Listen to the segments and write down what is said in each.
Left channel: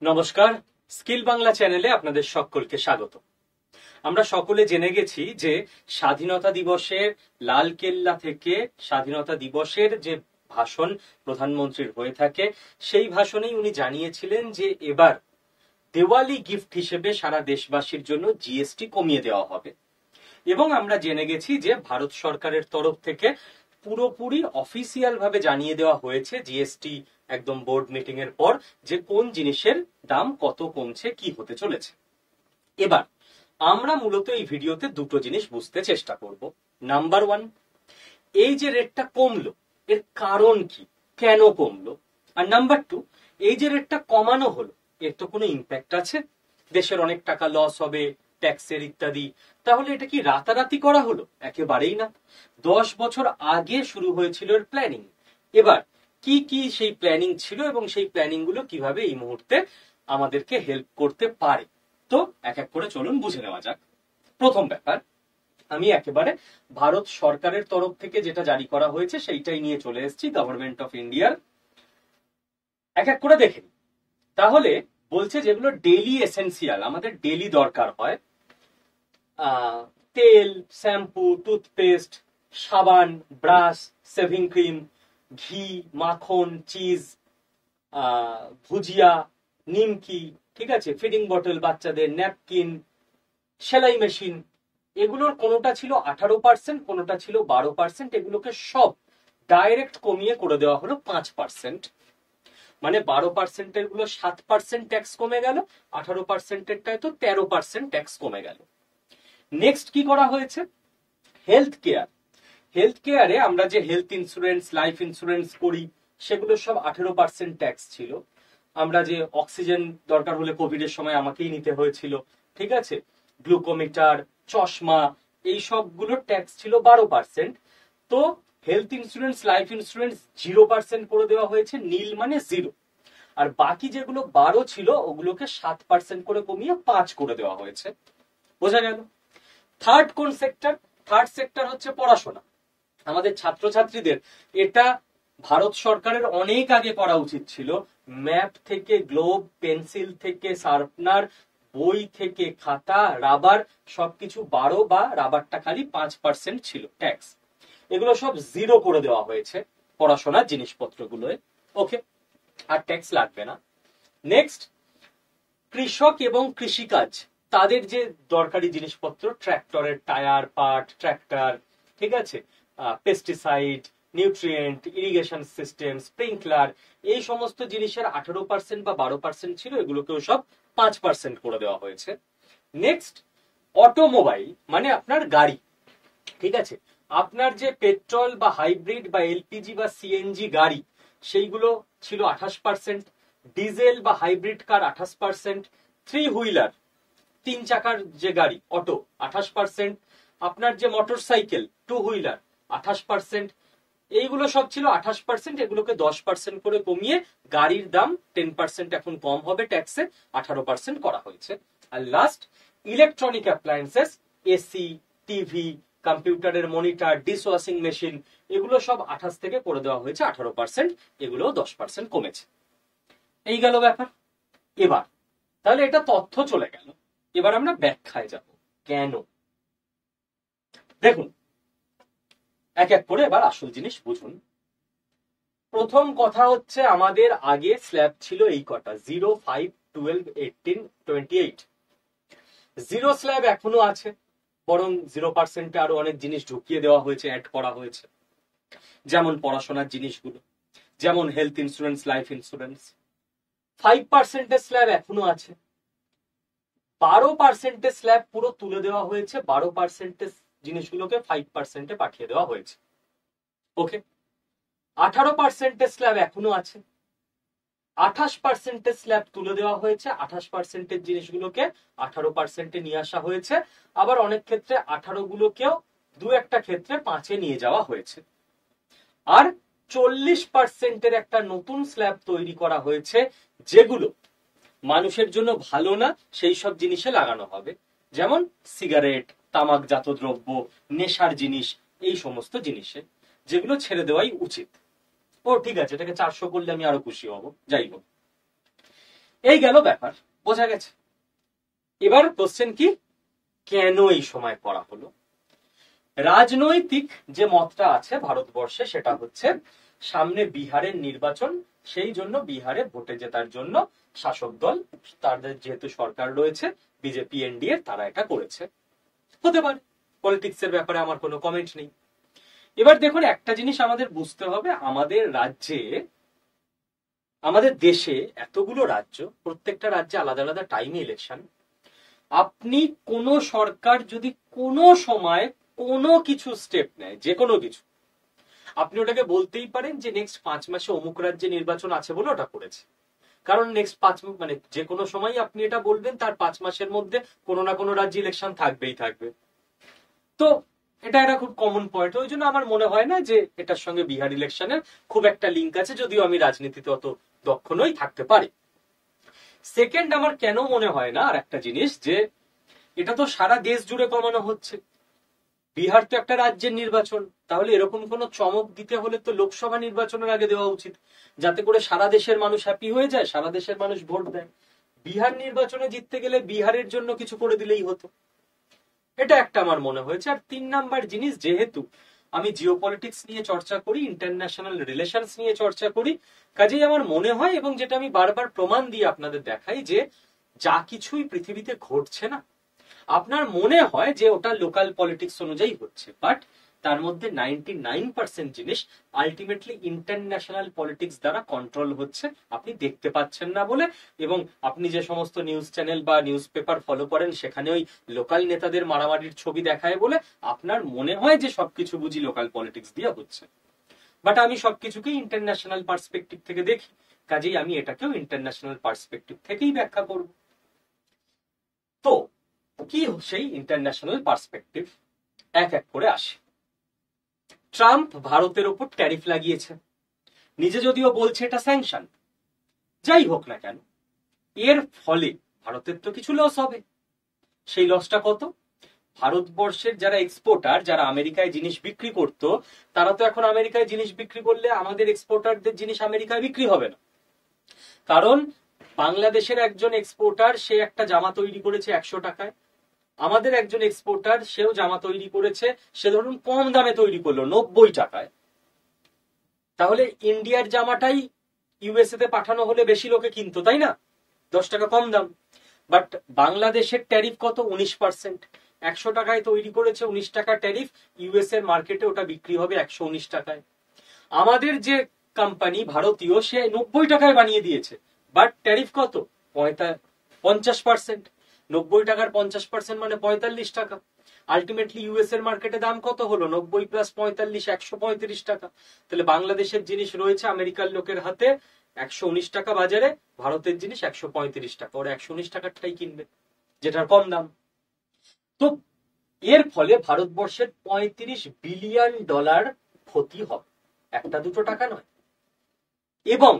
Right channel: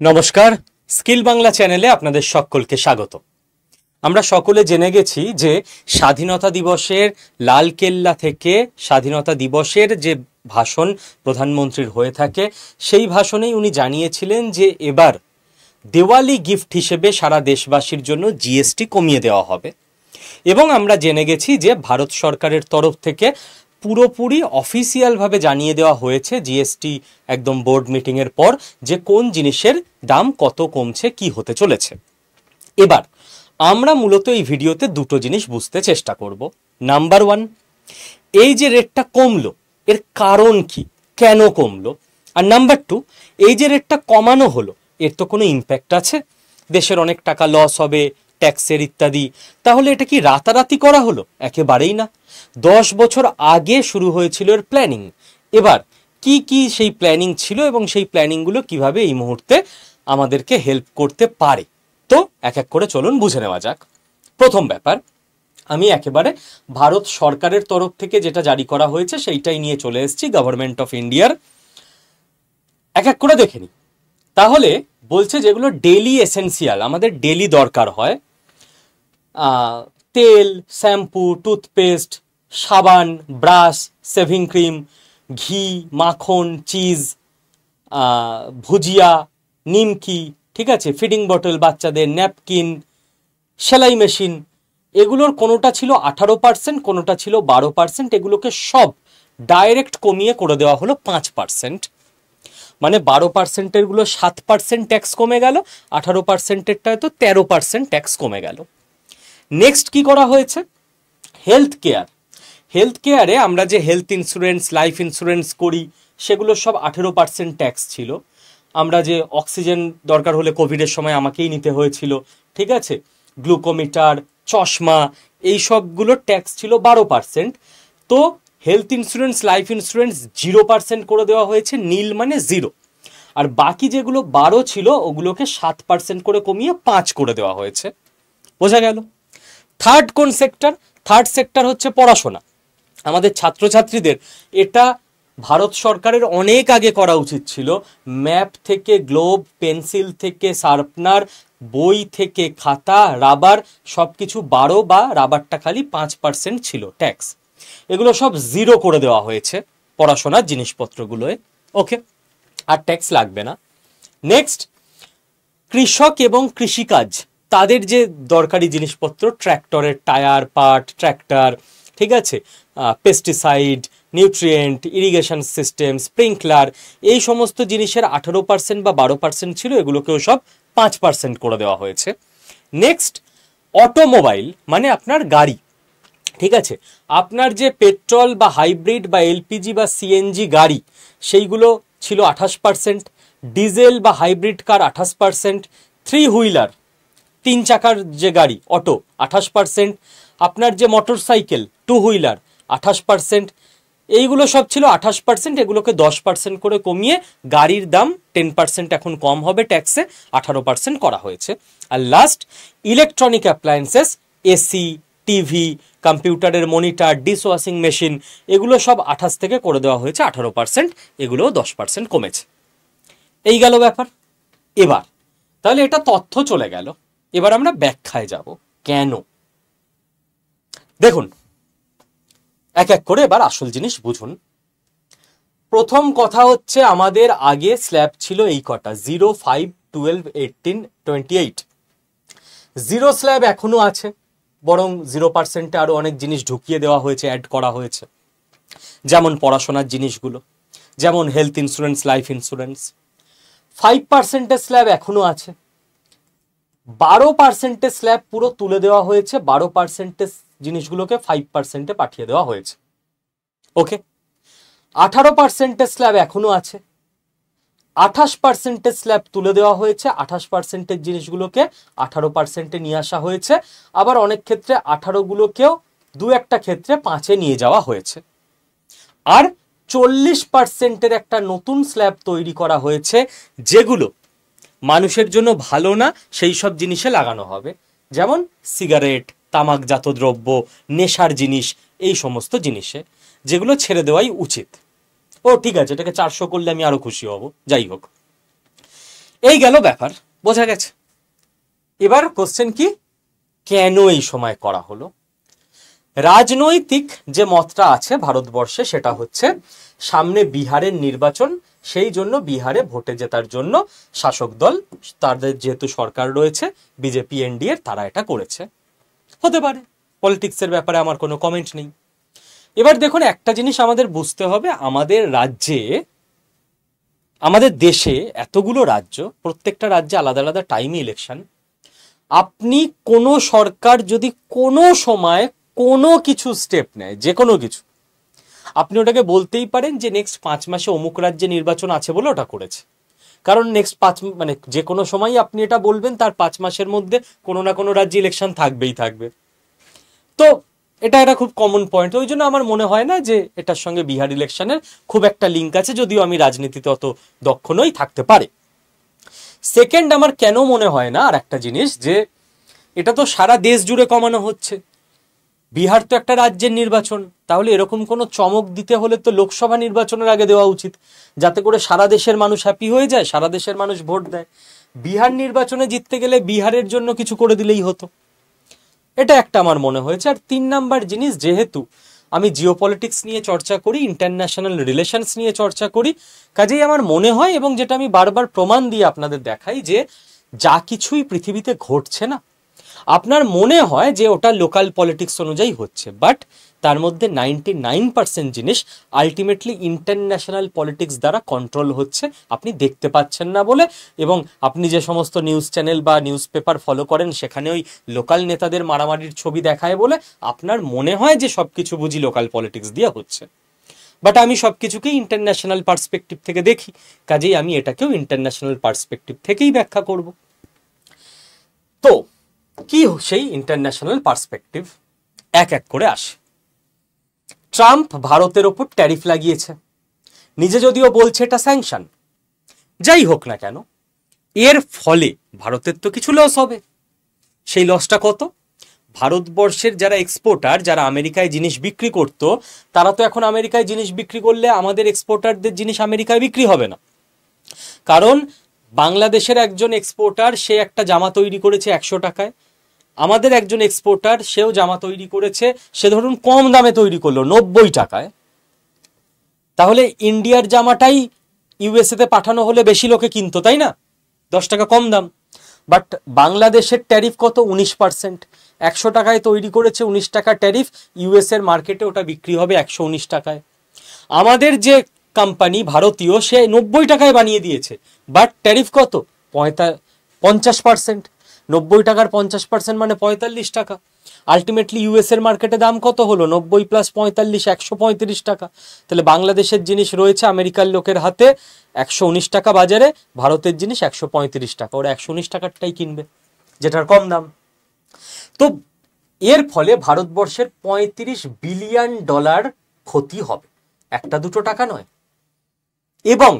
নমস্কার, স্কিল বাংলা চ্যানেলে আপনাদের সকলকে স্বাগত। আমরা সকলে জেনে গেছি যে স্বাধীনতা দিবসের লালকেল্লা থেকে স্বাধীনতা দিবসের যে ভাষণ প্রধানমন্ত্রীর হয়ে থাকে সেই ভাষণেই উনি জানিয়েছিলেন যে এবার দেওয়ালি গিফট হিসেবে সারা দেশবাসীর জন্য জিএসটি কমিয়ে দেওয়া হবে। এবং আমরা জেনে গেছি যে ভারত সরকারের তরফ থেকে পুরোপুরি অফিসিয়ালভাবে জানিয়ে দেওয়া হয়েছে জিএসটি একদম বোর্ড মিটিংয়ের পর যে কোন জিনিসের দাম কত কমছে, কি হতে চলেছে। এবার আমরা মূলত এই ভিডিওতে দুটো জিনিস বুঝতে চেষ্টা করব। নাম্বার ওয়ান, এই যে রেটটা কমলো এর কারণ কি, কেন কমলো। আর নাম্বার টু, এই যে রেটটা কমানো হলো এর তো কোনো ইম্প্যাক্ট আছে, দেশের অনেক টাকা লস হবে ট্যাক্সের ইত্যাদি। তাহলে এটা কি রাতারাতি করা হলো? একেবারেই না। 10 বছর আগে শুরু হয়েছিল এর প্ল্যানিং। এবার কি কি সেই প্ল্যানিং ছিল এবং সেই প্ল্যানিংগুলো কিভাবে এই মুহূর্তে আমাদেরকে হেল্প করতে পারে, তো এক এক করে চলুন বুঝে নেওয়া যাক। প্রথম ব্যাপার, আমি একেবারে ভারত সরকারের তরফ থেকে যেটা জারি করা হয়েছে সেইটাই নিয়ে চলে এসেছি, গভর্নমেন্ট অফ ইন্ডিয়ার। এক এক করে দেখে নিই। তাহলে বলছে যেগুলো ডেলি এসেন্সিয়াল, আমাদের ডেলি দরকার হয়, তেল, শ্যাম্পু, টুথপেস্ট, সাবান, ব্রাশ, সেভিং ক্রিম, ঘি, মাখন, চিজ, ভুজিয়া, নিমকি, ঠিক আছে, ফিডিং বটল বাচ্চাদের, ন্যাপকিন, সেলাই মেশিন, এগুলোর কোনোটা ছিল 18%, কোনোটা ছিল 12%। এগুলোকে সব ডাইরেক্ট কমিয়ে করে দেওয়া হলো 5%। মানে 12%-এর গুলো 7% ট্যাক্স কমে গেল, 18%-এরটায় তো 13% ট্যাক্স কমে গেল। নেক্সট কি করা হয়েছে? Health care. হেলথ কেয়ারে আমরা যে হেলথ ইন্স্যুরেন্স, লাইফ ইন্স্যুরেন্স করি সেগুলো সব 18% ট্যাক্স ছিল। আমরা যে অক্সিজেন দরকার হলে কোভিডের সময় আমাকেই নিতে হয়েছিল, ঠিক আছে, গ্লুকোমিটার, চশমা, এই সবগুলোর ট্যাক্স ছিল 12%। তো হেলথ ইন্স্যুরেন্স, লাইফ ইন্স্যুরেন্স 0% করে দেওয়া হয়েছে, নীল মানে 0। আর বাকি যেগুলো 12 ছিল ওগুলোকে 7% করে কমিয়ে 5 করে দেওয়া হয়েছে। বোঝা গেল? থার্ড কোন সেক্টর? থার্ড সেক্টর হচ্ছে পড়াশোনা। আমাদের ছাত্রছাত্রীদের এটা ভারত সরকারের অনেক আগে করা উচিত ছিল। ম্যাপ থেকে গ্লোব, পেন্সিল থেকে শার্পনার, বই থেকে খাতা, রাবার, সবকিছু 12 বা রাবারটা খালি 5% ছিল ট্যাক্স। এগুলো সব 0 করে দেওয়া হয়েছে পড়াশোনার জিনিসপত্রগুলোয়। ওকে, আর ট্যাক্স লাগবে না। নেক্সট, কৃষক এবং কৃষিকাজ, তাদের যে দরকারি জিনিসপত্র, ট্র্যাক্টরের টায়ার, পার্ট, ট্র্যাক্টর, ঠিক আছে, pesticide, nutrient, irrigation system, sprinkler, এই সমস্ত জিনিসের 18% বা 12% ছিল, এগুলোকেও সব 5% করে দেওয়া হয়েছে। নেক্সট, অটোমোবাইল মানে আপনার গাড়ি, ঠিক আছে, আপনার যে পেট্রোল বা হাইব্রিড বা এলপিজি বা সিএনজি গাড়ি সেইগুলো ছিল 28%, ডিজেল বা হাইব্রিড কার 28%, থ্রি হুইলার, 3 চাকার যে গাড়ি অটো 28%, আপনার যে মোটর সাইকেল টু হুইলার 28%, এইগুলো সব ছিল 28%। এগুলোকে 10% করে কমিয়ে গাড়ির দাম 10% এখন কম হবে ট্যাক্সে, 18% করা হয়েছে। আর last, electronic appliances, AC, TV, কম্পিউটারের মনিটর, ডিশ ওয়াশিং মেশিন, এগুলো সব 28 থেকে করে দেওয়া হয়েছে 18%, এগুলোও 10% কমেছে। এই গেল ব্যাপার। এবার তাহলে এটা তথ্য চলে গেল, এবার আমরা ব্যাখ্যায় যাব কেন। দেখুন, এক এক করে এবার আসল জিনিস বুঝুন। প্রথম কথা হচ্ছে, আমাদের আগে স্ল্যাব ছিল এই কটা, 0, 5, 12, 18, 28। 0 স্ল্যাব এখনো আছে, বরং 0%-এ আরো অনেক জিনিস ঢুকিয়ে দেওয়া হয়েছে, অ্যাড করা হয়েছে, যেমন পড়াশোনার জিনিসগুলো, যেমন হেলথ ইন্স্যুরেন্স, লাইফ ইন্স্যুরেন্স। 5%-এর স্ল্যাব এখনো আছে। 12%-এর স্ল্যাব পুরো তুলে দেওয়া হয়েছে, 12%-এর জিনিসগুলোকে 5%-এ পাঠিয়ে দেওয়া হয়েছে। ওকে, 18%-এর স্ল্যাব এখনো আছে। 28%-এর স্ল্যাব তুলে দেওয়া হয়েছে, 28%-এর জিনিসগুলোকে 18%-এ নিয়ে আসা হয়েছে। আবার অনেক ক্ষেত্রে 18গুলোকেও দু একটা ক্ষেত্রে 5-এ নিয়ে যাওয়া হয়েছে। আর 40%-এর একটা নতুন স্ল্যাব তৈরি করা হয়েছে, যেগুলো মানুষের জন্য ভালো না সেই সব জিনিসে লাগানো হবে, যেমন সিগারেট, তামাকজাত দ্রব্য, নেশার জিনিস, এই সমস্ত জিনিসে, যেগুলো ছেড়ে দেওয়াই উচিত। ও ঠিক আছে, এটাকে 400 করলে আমি আরো খুশি হব, যাই হোক। এই গেল ব্যাপার, বোঝা গেছে। এবার কোশ্চেন কি, কেন এই সময় করা হলো? রাজনৈতিক যে মতটা আছে ভারতবর্ষে সেটা হচ্ছে সামনে বিহারের নির্বাচন, সেই জন্য বিহারে ভোটে জেতার জন্য শাসক দল, তাদের যেহেতু সরকার রয়েছে বিজেপি এনডিএ, তারা এটা করেছে। হতে পারে, পলিটিক্সের ব্যাপারে আমার কোনো কমেন্ট নেই। এবার দেখুন, একটা জিনিস আমাদের বুঝতে হবে, আমাদের রাজ্যে, আমাদের দেশে এতগুলো রাজ্য, প্রত্যেকটা রাজ্যে আলাদা আলাদা টাইমে ইলেকশন। আপনি কোনো সরকার যদি কোনো সময় কোনো কিছু স্টেপ নেয়, যে কোনো কিছু, আপনি ওটাকে বলতেই পারেন যে নেক্সট 5 মাসে অমুক রাজ্যে নির্বাচন আছে বলে ওটা করেছে। কারণ নেক্সট 5 মানে যে কোনো সময় আপনি এটা বলবেন, তার 5 মাসের মধ্যে কোনো না কোনো রাজ্যে ইলেকশন থাকবেই থাকবে। তো এটা একটা খুব কমন পয়েন্ট। ওই জন্য আমার মনে হয় না যে এটার সঙ্গে বিহার ইলেকশনের খুব একটা লিঙ্ক আছে, যদিও আমি রাজনীতিতে অত দক্ষ নই, থাকতে পারে। সেকেন্ড, আমার কেন মনে হয় না, আর একটা জিনিস, যে এটা তো সারা দেশ জুড়ে কমানো হচ্ছে, বিহার তো একটা রাজ্যের নির্বাচন, তাহলে এরকম কোনো চমক দিতে হলে তো লোকসভা নির্বাচনের আগে দেওয়া উচিত, যাতে করে সারা দেশের মানুষ হ্যাপি হয়ে যায়, সারা দেশের মানুষ ভোট দেয়। বিহার নির্বাচনে জিততে গেলে বিহারের জন্য কিছু করে দিলেই হতো, এটা একটা আমার মনে হয়েছে। আর 3 নাম্বার জিনিস, যেহেতু আমি জিওপলিটিক্স নিয়ে চর্চা করি, ইন্টারন্যাশনাল রিলেশনস নিয়ে চর্চা করি, কাজেই আমার মনে হয়, এবং যেটা আমি বারবার প্রমাণ দিয়ে আপনাদের দেখাই, যে যা কিছুই পৃথিবীতে ঘটছে না, আপনার মনে হয় যে ওটা লোকাল পলিটিক্স অনুযায়ী হচ্ছে, বাট তার মধ্যে 99% জিনিস আলটিমেটলি ইন্টারন্যাশনাল পলিটিক্স দ্বারা কন্ট্রোল হচ্ছে, আপনি দেখতে পাচ্ছেন না বলে। এবং আপনি যে সমস্ত নিউজ চ্যানেল বা নিউজ পেপার ফলো করেন, সেখানে ওই লোকাল নেতাদের মারামারির ছবি দেখায় বলে আপনার মনে হয় যে সবকিছু বুঝি লোকাল পলিটিক্স দিয়ে হচ্ছে। বাট আমি সবকিছুকেই ইন্টারন্যাশনাল পার্সপেক্টিভ থেকে দেখি, কাজেই আমি এটাকেও ইন্টারন্যাশনাল পার্সপেক্টিভ থেকেই ব্যাখ্যা করব। তো কি সেই ইন্টারন্যাশনাল পার্সপেক্টিভ, এক এক করে আসে। ট্রাম্প ভারতের ওপর ট্যারিফ লাগিয়েছে, নিজে যদিও বলছে এটা স্যাংশন, যাই হোক না কেন, এর ফলে ভারতের তো কিছু লস হবে। সেই লসটা কত? ভারতবর্ষের যারা এক্সপোর্টার, যারা আমেরিকায় জিনিস বিক্রি করত, তারা তো এখন আমেরিকায় জিনিস বিক্রি করলে আমাদের এক্সপোর্টারদের জিনিস আমেরিকায় বিক্রি হবে না। কারণ বাংলাদেশের একজন এক্সপোর্টার, সে একটা জামা তৈরি করেছে 100 টাকায়, আমাদের একজন এক্সপোর্টার, সেও জামা তৈরি করেছে, সে ধরুন কম দামে তৈরি করলো 90 টাকায়, তাহলে ইন্ডিয়ার জামাটাই ইউএসএ তে পাঠানো হলে বেশি লোকে কিনতো, তাই না? 10 টাকা কম দাম। বাট বাংলাদেশের ট্যারিফ কত? 19%। 100 টাকায় তৈরি করেছে, 19 টাকা ট্যারিফ, ইউএস এর মার্কেটে ওটা বিক্রি হবে 119 টাকায়। আমাদের যে কোম্পানি ভারতীয়, সে 90 টাকায় বানিয়ে দিয়েছে, বাট ট্যারিফ কত? 50%। 90 টাকার 50% মানে 45 টাকা। আলটিমেটলি ইউএস এর মার্কেটে দাম কত হলো? 90 প্লাস 45, 135 টাকা। তাহলে বাংলাদেশের জিনিস রয়েছে আমেরিকার লোকের হাতে 119 টাকা বাজারে, ভারতের জিনিস 135 টাকা, ওরা 119 টাকারটাই কিনবে, যেটার কম দাম। তো এর ফলে ভারতবর্ষের $35 বিলিয়ন ক্ষতি হবে, একটা দুটো টাকা নয়। এবং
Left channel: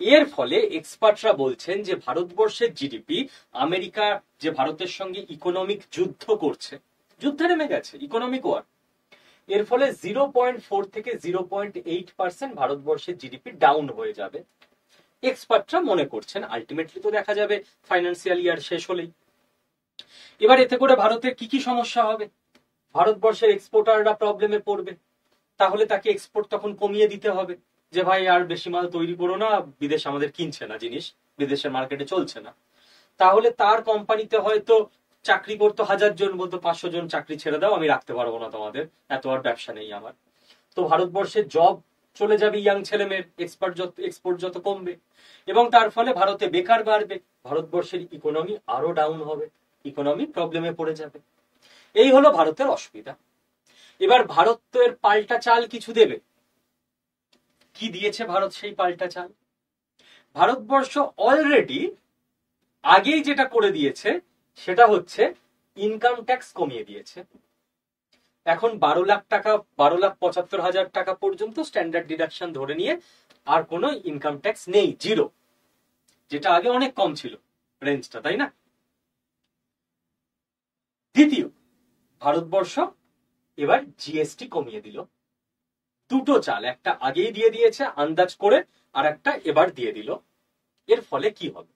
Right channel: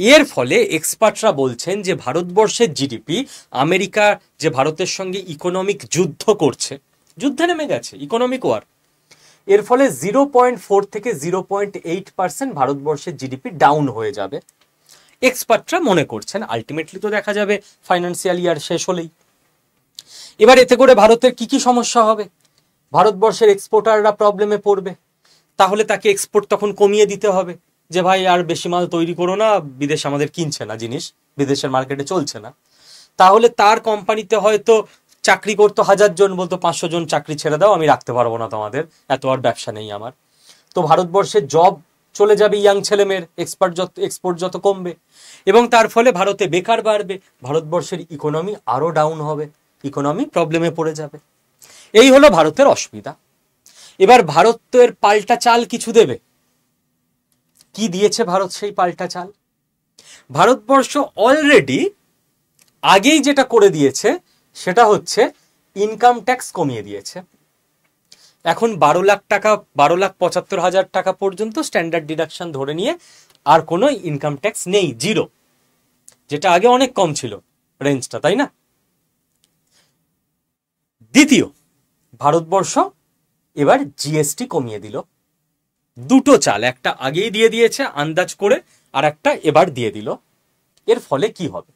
এর ফলে এক্সপার্টরা বলছেন যে ভারতবর্ষের জিডিপি, আমেরিকা যে ভারতের সঙ্গে ইকোনমিক যুদ্ধ করছে, যুদ্ধে নেমে গেছে, ইকোনমিক ওয়ার, এর ফলে 0.4 থেকে 0.8% ভারতবর্ষের জিডিপি ডাউন হয়ে যাবে, এক্সপার্টরা মনে করছেন। আলটিমেটলি তো দেখা যাবে ফাইন্যান্সিয়াল ইয়ার শেষ হলেই। এবার এতে করে ভারতের কি কি সমস্যা হবে? ভারতবর্ষের এক্সপোর্টাররা প্রবলেমে পড়বে, তাহলে তাকে এক্সপোর্ট তখন কমিয়ে দিতে হবে, যে ভাই আর বেশি মাল তৈরি করো না, বিদেশ আমাদের কিনছে না জিনিস, বিদেশের মার্কেটে চলছে না। তাহলে তার কোম্পানিতে হয়তো চাকরি করতো 1000 জন, বলতো 500 জন চাকরি ছেড়ে দাও, আমি রাখতে পারবো না তোমাদের, এত আর ব্যবসা নেই আমার। তো ভারতবর্ষের জব চলে যাবে ইয়াং ছেলে মেয়ের, এক্সপোর্ট যত কমবে, এবং তার ফলে ভারতে বেকার বাড়বে, ভারতবর্ষের ইকোনমি আরো ডাউন হবে, ইকোনমি প্রবলেমে পড়ে যাবে। এই হলো ভারতের অসুবিধা। এবার ভারত তো এর পাল্টা চাল কিছু দেবে। কি দিয়েছে ভারত সেই পাল্টা চাল? ভারতবর্ষ অলরেডি আগেই যেটা করে দিয়েছে সেটা হচ্ছে ইনকাম ট্যাক্স কমিয়ে দিয়েছে। এখন 12 লাখ টাকা, 12,75,000 টাকা পর্যন্ত স্ট্যান্ডার্ড ডিডাকশন ধরে নিয়ে আর কোনো ইনকাম ট্যাক্স নেই, জিরো, যেটা আগে অনেক কম ছিল রেঞ্জটা, তাই না? দ্বিতীয়, ভারতবর্ষ এবার জিএসটি কমিয়ে দিল, দুটো চাল, একটা আগেই দিয়ে দিয়েছে আন্দাজ করে, আর একটা এবার দিয়ে দিল। এর ফলে কি হবে?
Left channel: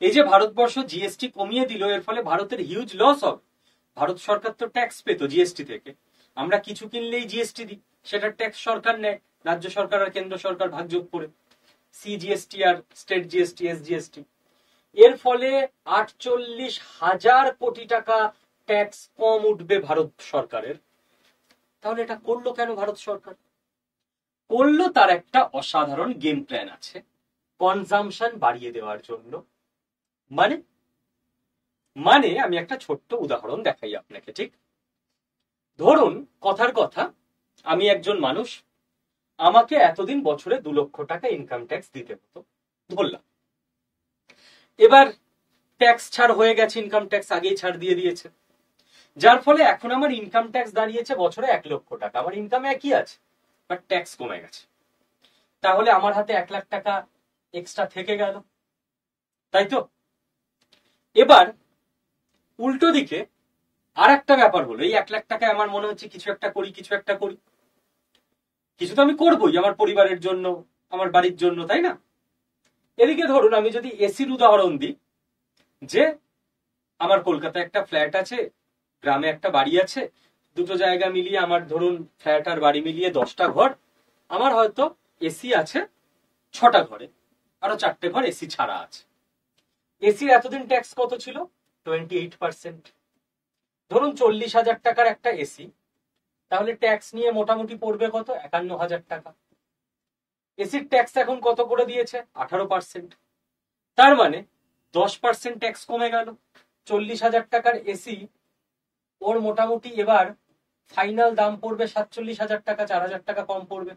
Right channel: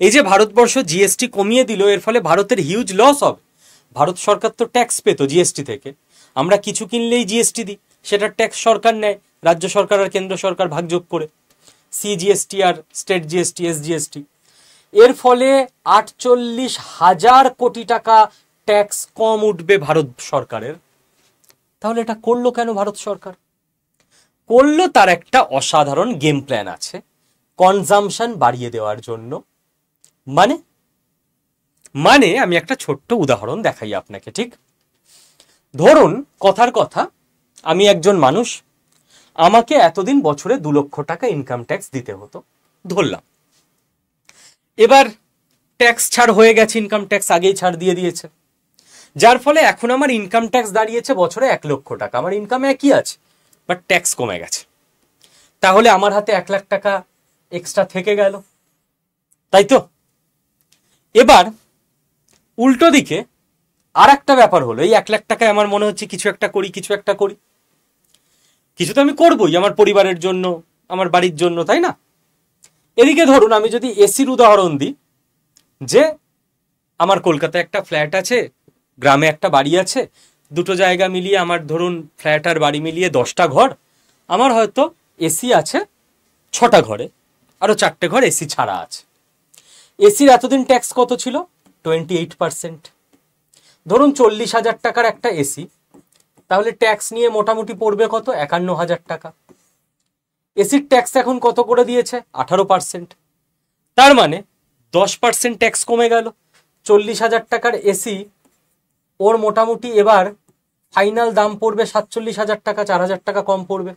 এই যে ভারতবর্ষ জিএসটি কমিয়ে দিল, এর ফলে ভারতের হিউজ লস হবে। ভারত সরকার তো ট্যাক্স পেতো জিএসটি থেকে, আমরা কিছু কিনলেই জিএসটি দিই, সেটা ট্যাক্স সরকার নেয়, রাজ্য সরকার আর কেন্দ্র সরকার ভাগযোগ করে, সিজিএসটি আর স্টেট জিএসটি, এসজিএসটি। এর ফলে 48,000 কোটি টাকা ট্যাক্স কম উঠবে ভারত সরকারের। তাহলে এটা করলো কেন ভারত সরকার? করলো তার একটা অসাধারণ গেম প্ল্যান আছে, কনজাম্পশন বাড়িয়ে দেওয়ার জন্য। মানে মানে আমি একটা ছোট্ট উদাহরণ দেখাই আপনাকে। ঠিক ধরুন, কথার কথা, আমি একজন মানুষ, আমাকে এতদিন বছরে 2 লক্ষ টাকা ইনকাম ট্যাক্স দিতে হতো, ধরলাম। এবার ট্যাক্স ছাড় হয়ে গেছে, ইনকাম ট্যাক্স আগেই ছাড় দিয়ে দিয়েছে, যার ফলে এখন আমার ইনকাম ট্যাক্স দাঁড়িয়েছে বছরে 1 লক্ষ টাকা। আমার ইনকাম একই আছে, বাট ট্যাক্স কমে গেছে। তাহলে আমার হাতে 1 লাখ টাকা এক্সট্রা থেকে গেল, তাই তো? এবার উল্টো দিকে আর একটা ব্যাপার হলো, এই 1 লাখ টাকায় আমার মনে হচ্ছে কিছু একটা করি, কিছু তো আমি করবোই আমার পরিবারের জন্য, আমার বাড়ির জন্য, তাই না? এদিকে ধরুন, আমি যদি এসির উদাহরণ দিই, যে আমার কলকাতায় একটা ফ্ল্যাট আছে, গ্রামে একটা বাড়ি আছে, দুটো জায়গা মিলিয়ে আমার ধরুন ফ্ল্যাট আর বাড়ি মিলিয়ে 10টা ঘর, আমার হয়তো এসি আছে 6টা ঘরে, আরো 4টে ঘর এসি ছাড়া আছে। এসির এতদিন ট্যাক্স কত ছিল? 28%। ধরুন 40,000 টাকার একটা এসি, তাহলে ট্যাক্স নিয়ে মোটামুটি পড়বে কত? 51,000 টাকা। এসির ট্যাক্স এখন কত করে দিয়েছে? 18%। তার মানে 10% ট্যাক্স কমে গেল। 40,000 টাকার এসি, ওর মোটামুটি এবার ফাইনাল দাম পড়বে 47,000 টাকা, 4,000 টাকা কম পড়বে।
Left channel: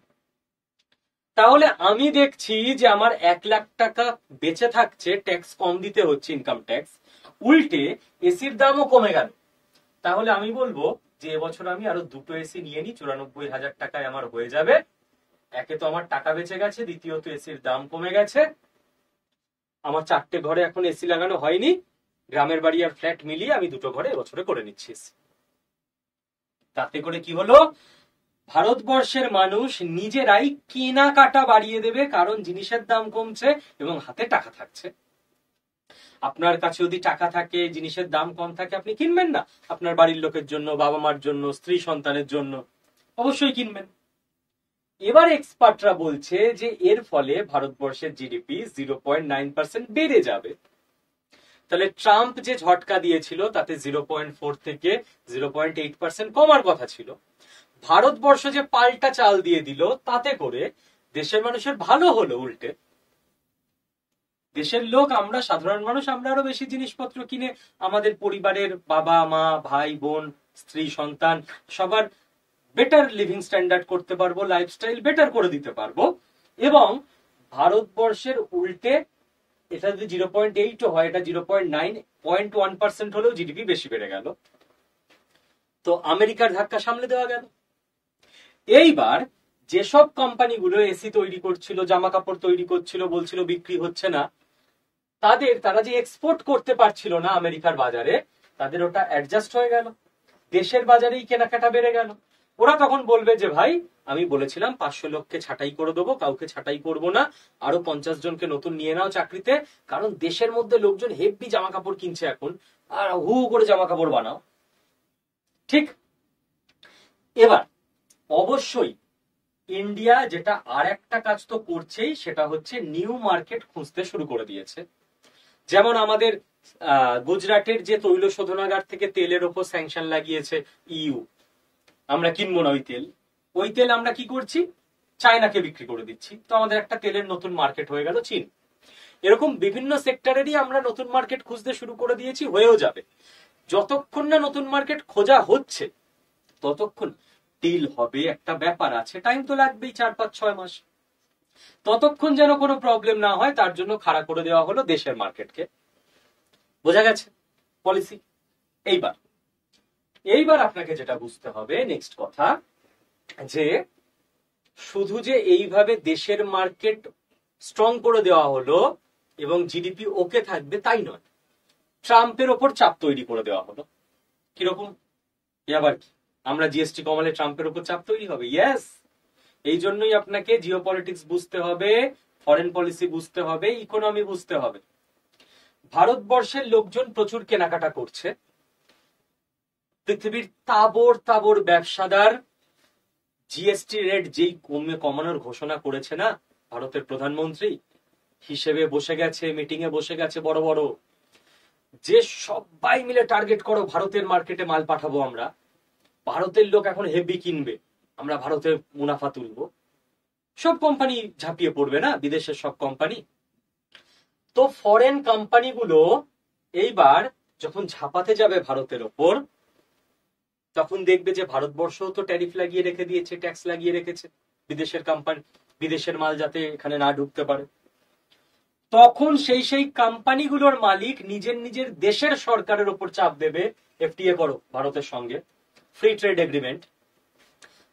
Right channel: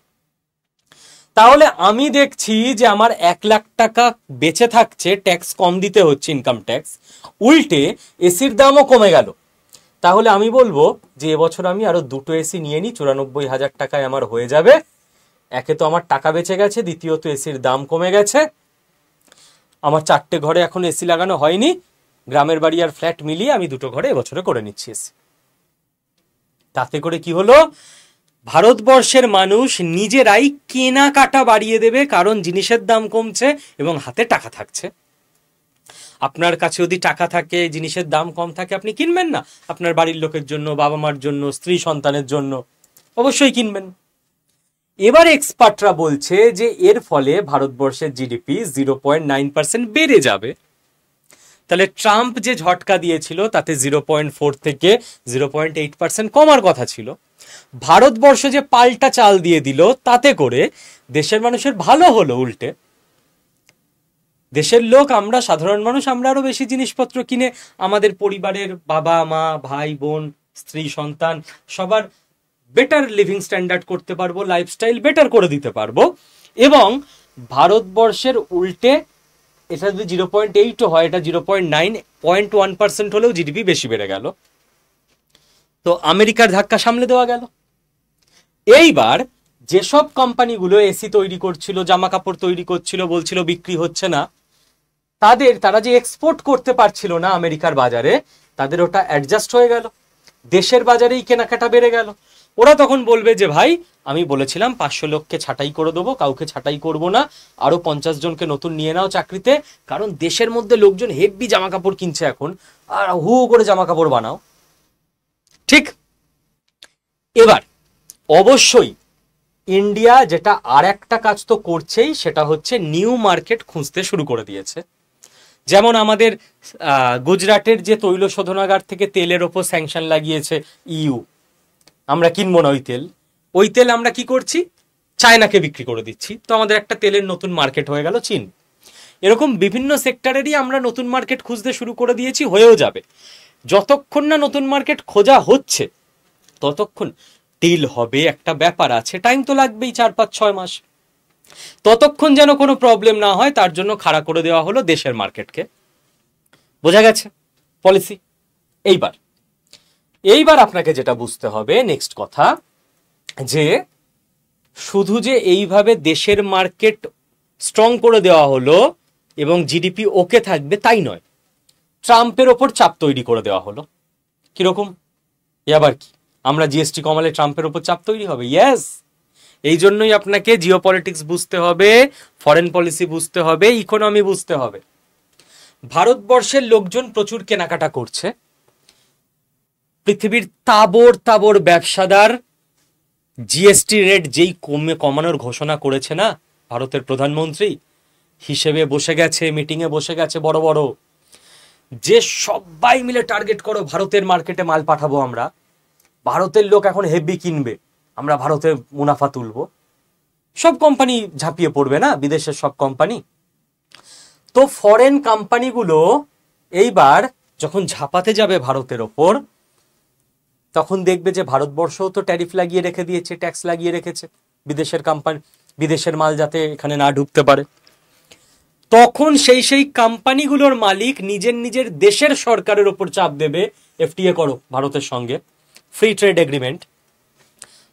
তাহলে আমি দেখছি যে আমার 1 লাখ টাকা বেঁচে থাকছে, ট্যাক্স কম দিতে হচ্ছে, ইনকাম ট্যাক্স, উল্টে এসির দামও কমে গেল। তাহলে আমি বলবো যে এবছর আমি আরো 2টো এসি নিয়ে নিই, 94,000 টাকায় আমার হয়ে যাবে। একে তো আমার টাকা বেঁচে গেছে, দ্বিতীয়ত এসির দাম কমে গেছে, আমার 4টে ঘরে এখন এসি লাগানো হয়নি, গ্রামের বাড়ি আর ফ্ল্যাট মিলিয়ে আমি 2টো ঘরে এবছরে করে নিচ্ছি এসি। তাতে করে কি হলো? ভারতবর্ষের মানুষ নিজেরাই কেনাকাটা বাড়িয়ে দেবে, কারণ জিনিসের দাম কমছে এবং হাতে টাকা থাকছে। আপনার কাছে যদি টাকা থাকে, জিনিসের দাম কম থাকে, আপনি কিনবেন না? আপনার বাড়ির লোকের জন্য, বাবা মার জন্য, স্ত্রী সন্তানের জন্য অবশ্যই কিনবেন। এবার এক্সপার্টরা বলছে যে এর ফলে ভারতবর্ষের জিডিপি 0.9% বেড়ে যাবে। তাহলে ট্রাম্প যে ঝটকা দিয়েছিল তাতে 0.4 থেকে 0.8% কমার কথা ছিল। ভারতবর্ষ যে পাল্টা চাল দিয়ে দিল, তাতে করে দেশের মানুষের ভালো হলো। উল্টে দেশের লোক, আমরা সাধারণ মানুষ, আমরা আরো বেশি জিনিসপত্র কিনে আমাদের পরিবারের বাবা মা, ভাই বোন, স্ত্রী সন্তান সবার বেটার লিভিং স্ট্যান্ডার্ড করতে পারবো, লাইফস্টাইল বেটার করে দিতে পারবো। এবং ভারতবর্ষের উল্টে এটা যদি 0.8 হয়, এটা 0.9, 0.1% হলেও জিডিপি বেশি বেড়ে গেল। তো আমেরিকার ধাক্কা সামলে দেওয়া গেল। এইবার যেসব কোম্পানিগুলো এসি তৈরি করছিল, জামা কাপড় তৈরি করছিল, বলছিল বিক্রি হচ্ছে না, তারা যে এক্সপোর্ট করতে পারছিল না আমেরিকার বাজারে, তাদের ওটা অ্যাডজাস্ট হয়ে গেল, দেশের বাজারেই কেনাকাটা বেড়ে গেল। ওরা তখন বলবে যে ভাই, আমি বলেছিলাম 500 লোককে ছাঁটাই করে দেবো, কাউকে ছাঁটাই করব না, আরো 50 জনকে নতুন নিয়ে নাও চাকরিতে, কারণ দেশের মধ্যে লোকজন হেভি জামা কাপড় কিনছে এখন, আর হু করে জামা কাপড় বানাও। ঠিক এবার অবশ্যই ইন্ডিয়া যেটা আর একটা কাজ তো করছেই, সেটা হচ্ছে নিউ মার্কেট খুঁজতে শুরু করে দিয়েছে। যেমন আমাদের গুজরাটের যে তৈল শোধনাগার থেকে তেলের ওপর স্যাংশন লাগিয়েছে ইউ, আমরা কিনবো না ওই তেল আমরা কি করছি? চায়নাকে বিক্রি করে দিচ্ছি। তো আমাদের একটা তেলের নতুন মার্কেট হয়ে গেল চীন। এরকম বিভিন্ন সেক্টরেরই আমরা নতুন মার্কেট খুঁজতে শুরু করে দিয়েছি, হয়েও যাবে। যতক্ষণ না নতুন মার্কেট খোঁজা হচ্ছে ততক্ষণ ডিল হবে, একটা ব্যাপার আছে, টাইম তো লাগবেই, 4-5-6 মাস। ততক্ষণ যেন কোনো প্রবলেম না হয়, তার জন্য খাড়া করে দেওয়া হলো দেশের মার্কেটকে। বোঝা গেছে পলিসি? এইবার আপনাকে যেটা বুঝতে হবে, নেক্সট কথা, যে শুধু যে এইভাবে দেশের মার্কেট স্ট্রং করে দেওয়া হলো এবং জিডিপি ওকে থাকবে তাই নয়, ট্রাম্পের ওপর চাপ তৈরি করে দেওয়া হলো। কিরকম? আবার কি, আমরা জিএসটি কমালে ট্রাম্পের ওপর চাপ তৈরি হবে? ইয়েস। এই জন্যই আপনাকে জিওপলিটিক্স বুঝতে হবে, ফরেন পলিসি বুঝতে হবে, ইকোনমি বুঝতে হবে। ভারতবর্ষের লোকজন প্রচুর কেনাকাটা করছে, পৃথিবীর তাবড় তাবড় ব্যবসাদার জিএসটি রেট যেই কমানোর ঘোষণা করেছে না ভারতের প্রধানমন্ত্রী, হিসেবে বসে গেছে, মিটিং এ বসে গেছে বড় বড়, যে সবাই মিলে টার্গেট করো ভারতের মার্কেটে মাল পাঠাবো আমরা, ভারতের লোক এখন হেভি কিনবে, আমরা ভারতের মুনাফা তুলবো। সব কোম্পানি ঝাঁপিয়ে পড়বে না, বিদেশের সব কোম্পানি। তো ফরেন কোম্পানিগুলো এইবার যখন ঝাঁপাতে যাবে ভারতের ওপর, তখন দেখবে যে ভারতবর্ষও তো ট্যারিফ লাগিয়ে রেখে দিয়েছে, ট্যাক্স লাগিয়ে রেখেছে বিদেশের কোম্পানি, বিদেশের মাল যাতে এখানে না ঢুকতে পারে। তখন সেই কোম্পানিগুলোর মালিক নিজের নিজের দেশের সরকারের ওপর চাপ দেবে, এফটিএ করো ভারতের সঙ্গে, ফ্রি ট্রেড এগ্রিমেন্ট,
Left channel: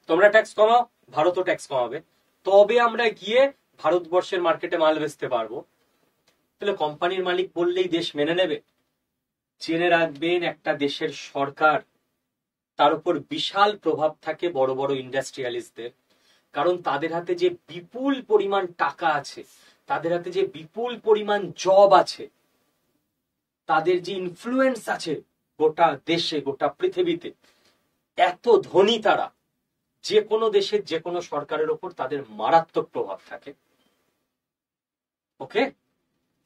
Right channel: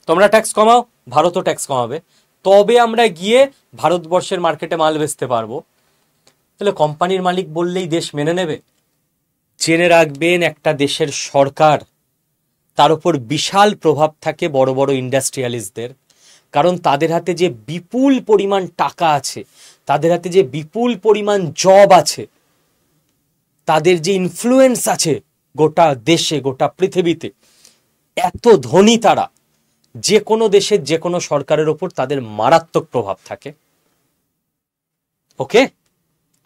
তোমরা ট্যাক্স কমাও, ভারতও ট্যাক্স কমাবে, তবে আমরা গিয়ে ভারতবর্ষের মার্কেটে মাল বেচতে পারবো। তাহলে কোম্পানির মালিক বললেই দেশ মেনে নেবে? জেনে রাখবেন, একটা দেশের সরকার, তার উপর বিশাল প্রভাব থাকে বড় বড় ইন্ডাস্ট্রিয়ালিস্টদের, কারণ তাদের হাতে যে বিপুল পরিমাণ টাকা আছে, তাদের হাতে যে বিপুল পরিমাণ জব আছে, তাদের যে ইনফ্লুয়েন্স আছে গোটা দেশে, গোটা পৃথিবীতে, এত ধনী তারা, যে কোনো দেশের যে কোনো সরকারের ওপর তাদের মারাত্মক প্রভাব থাকে। ওকে,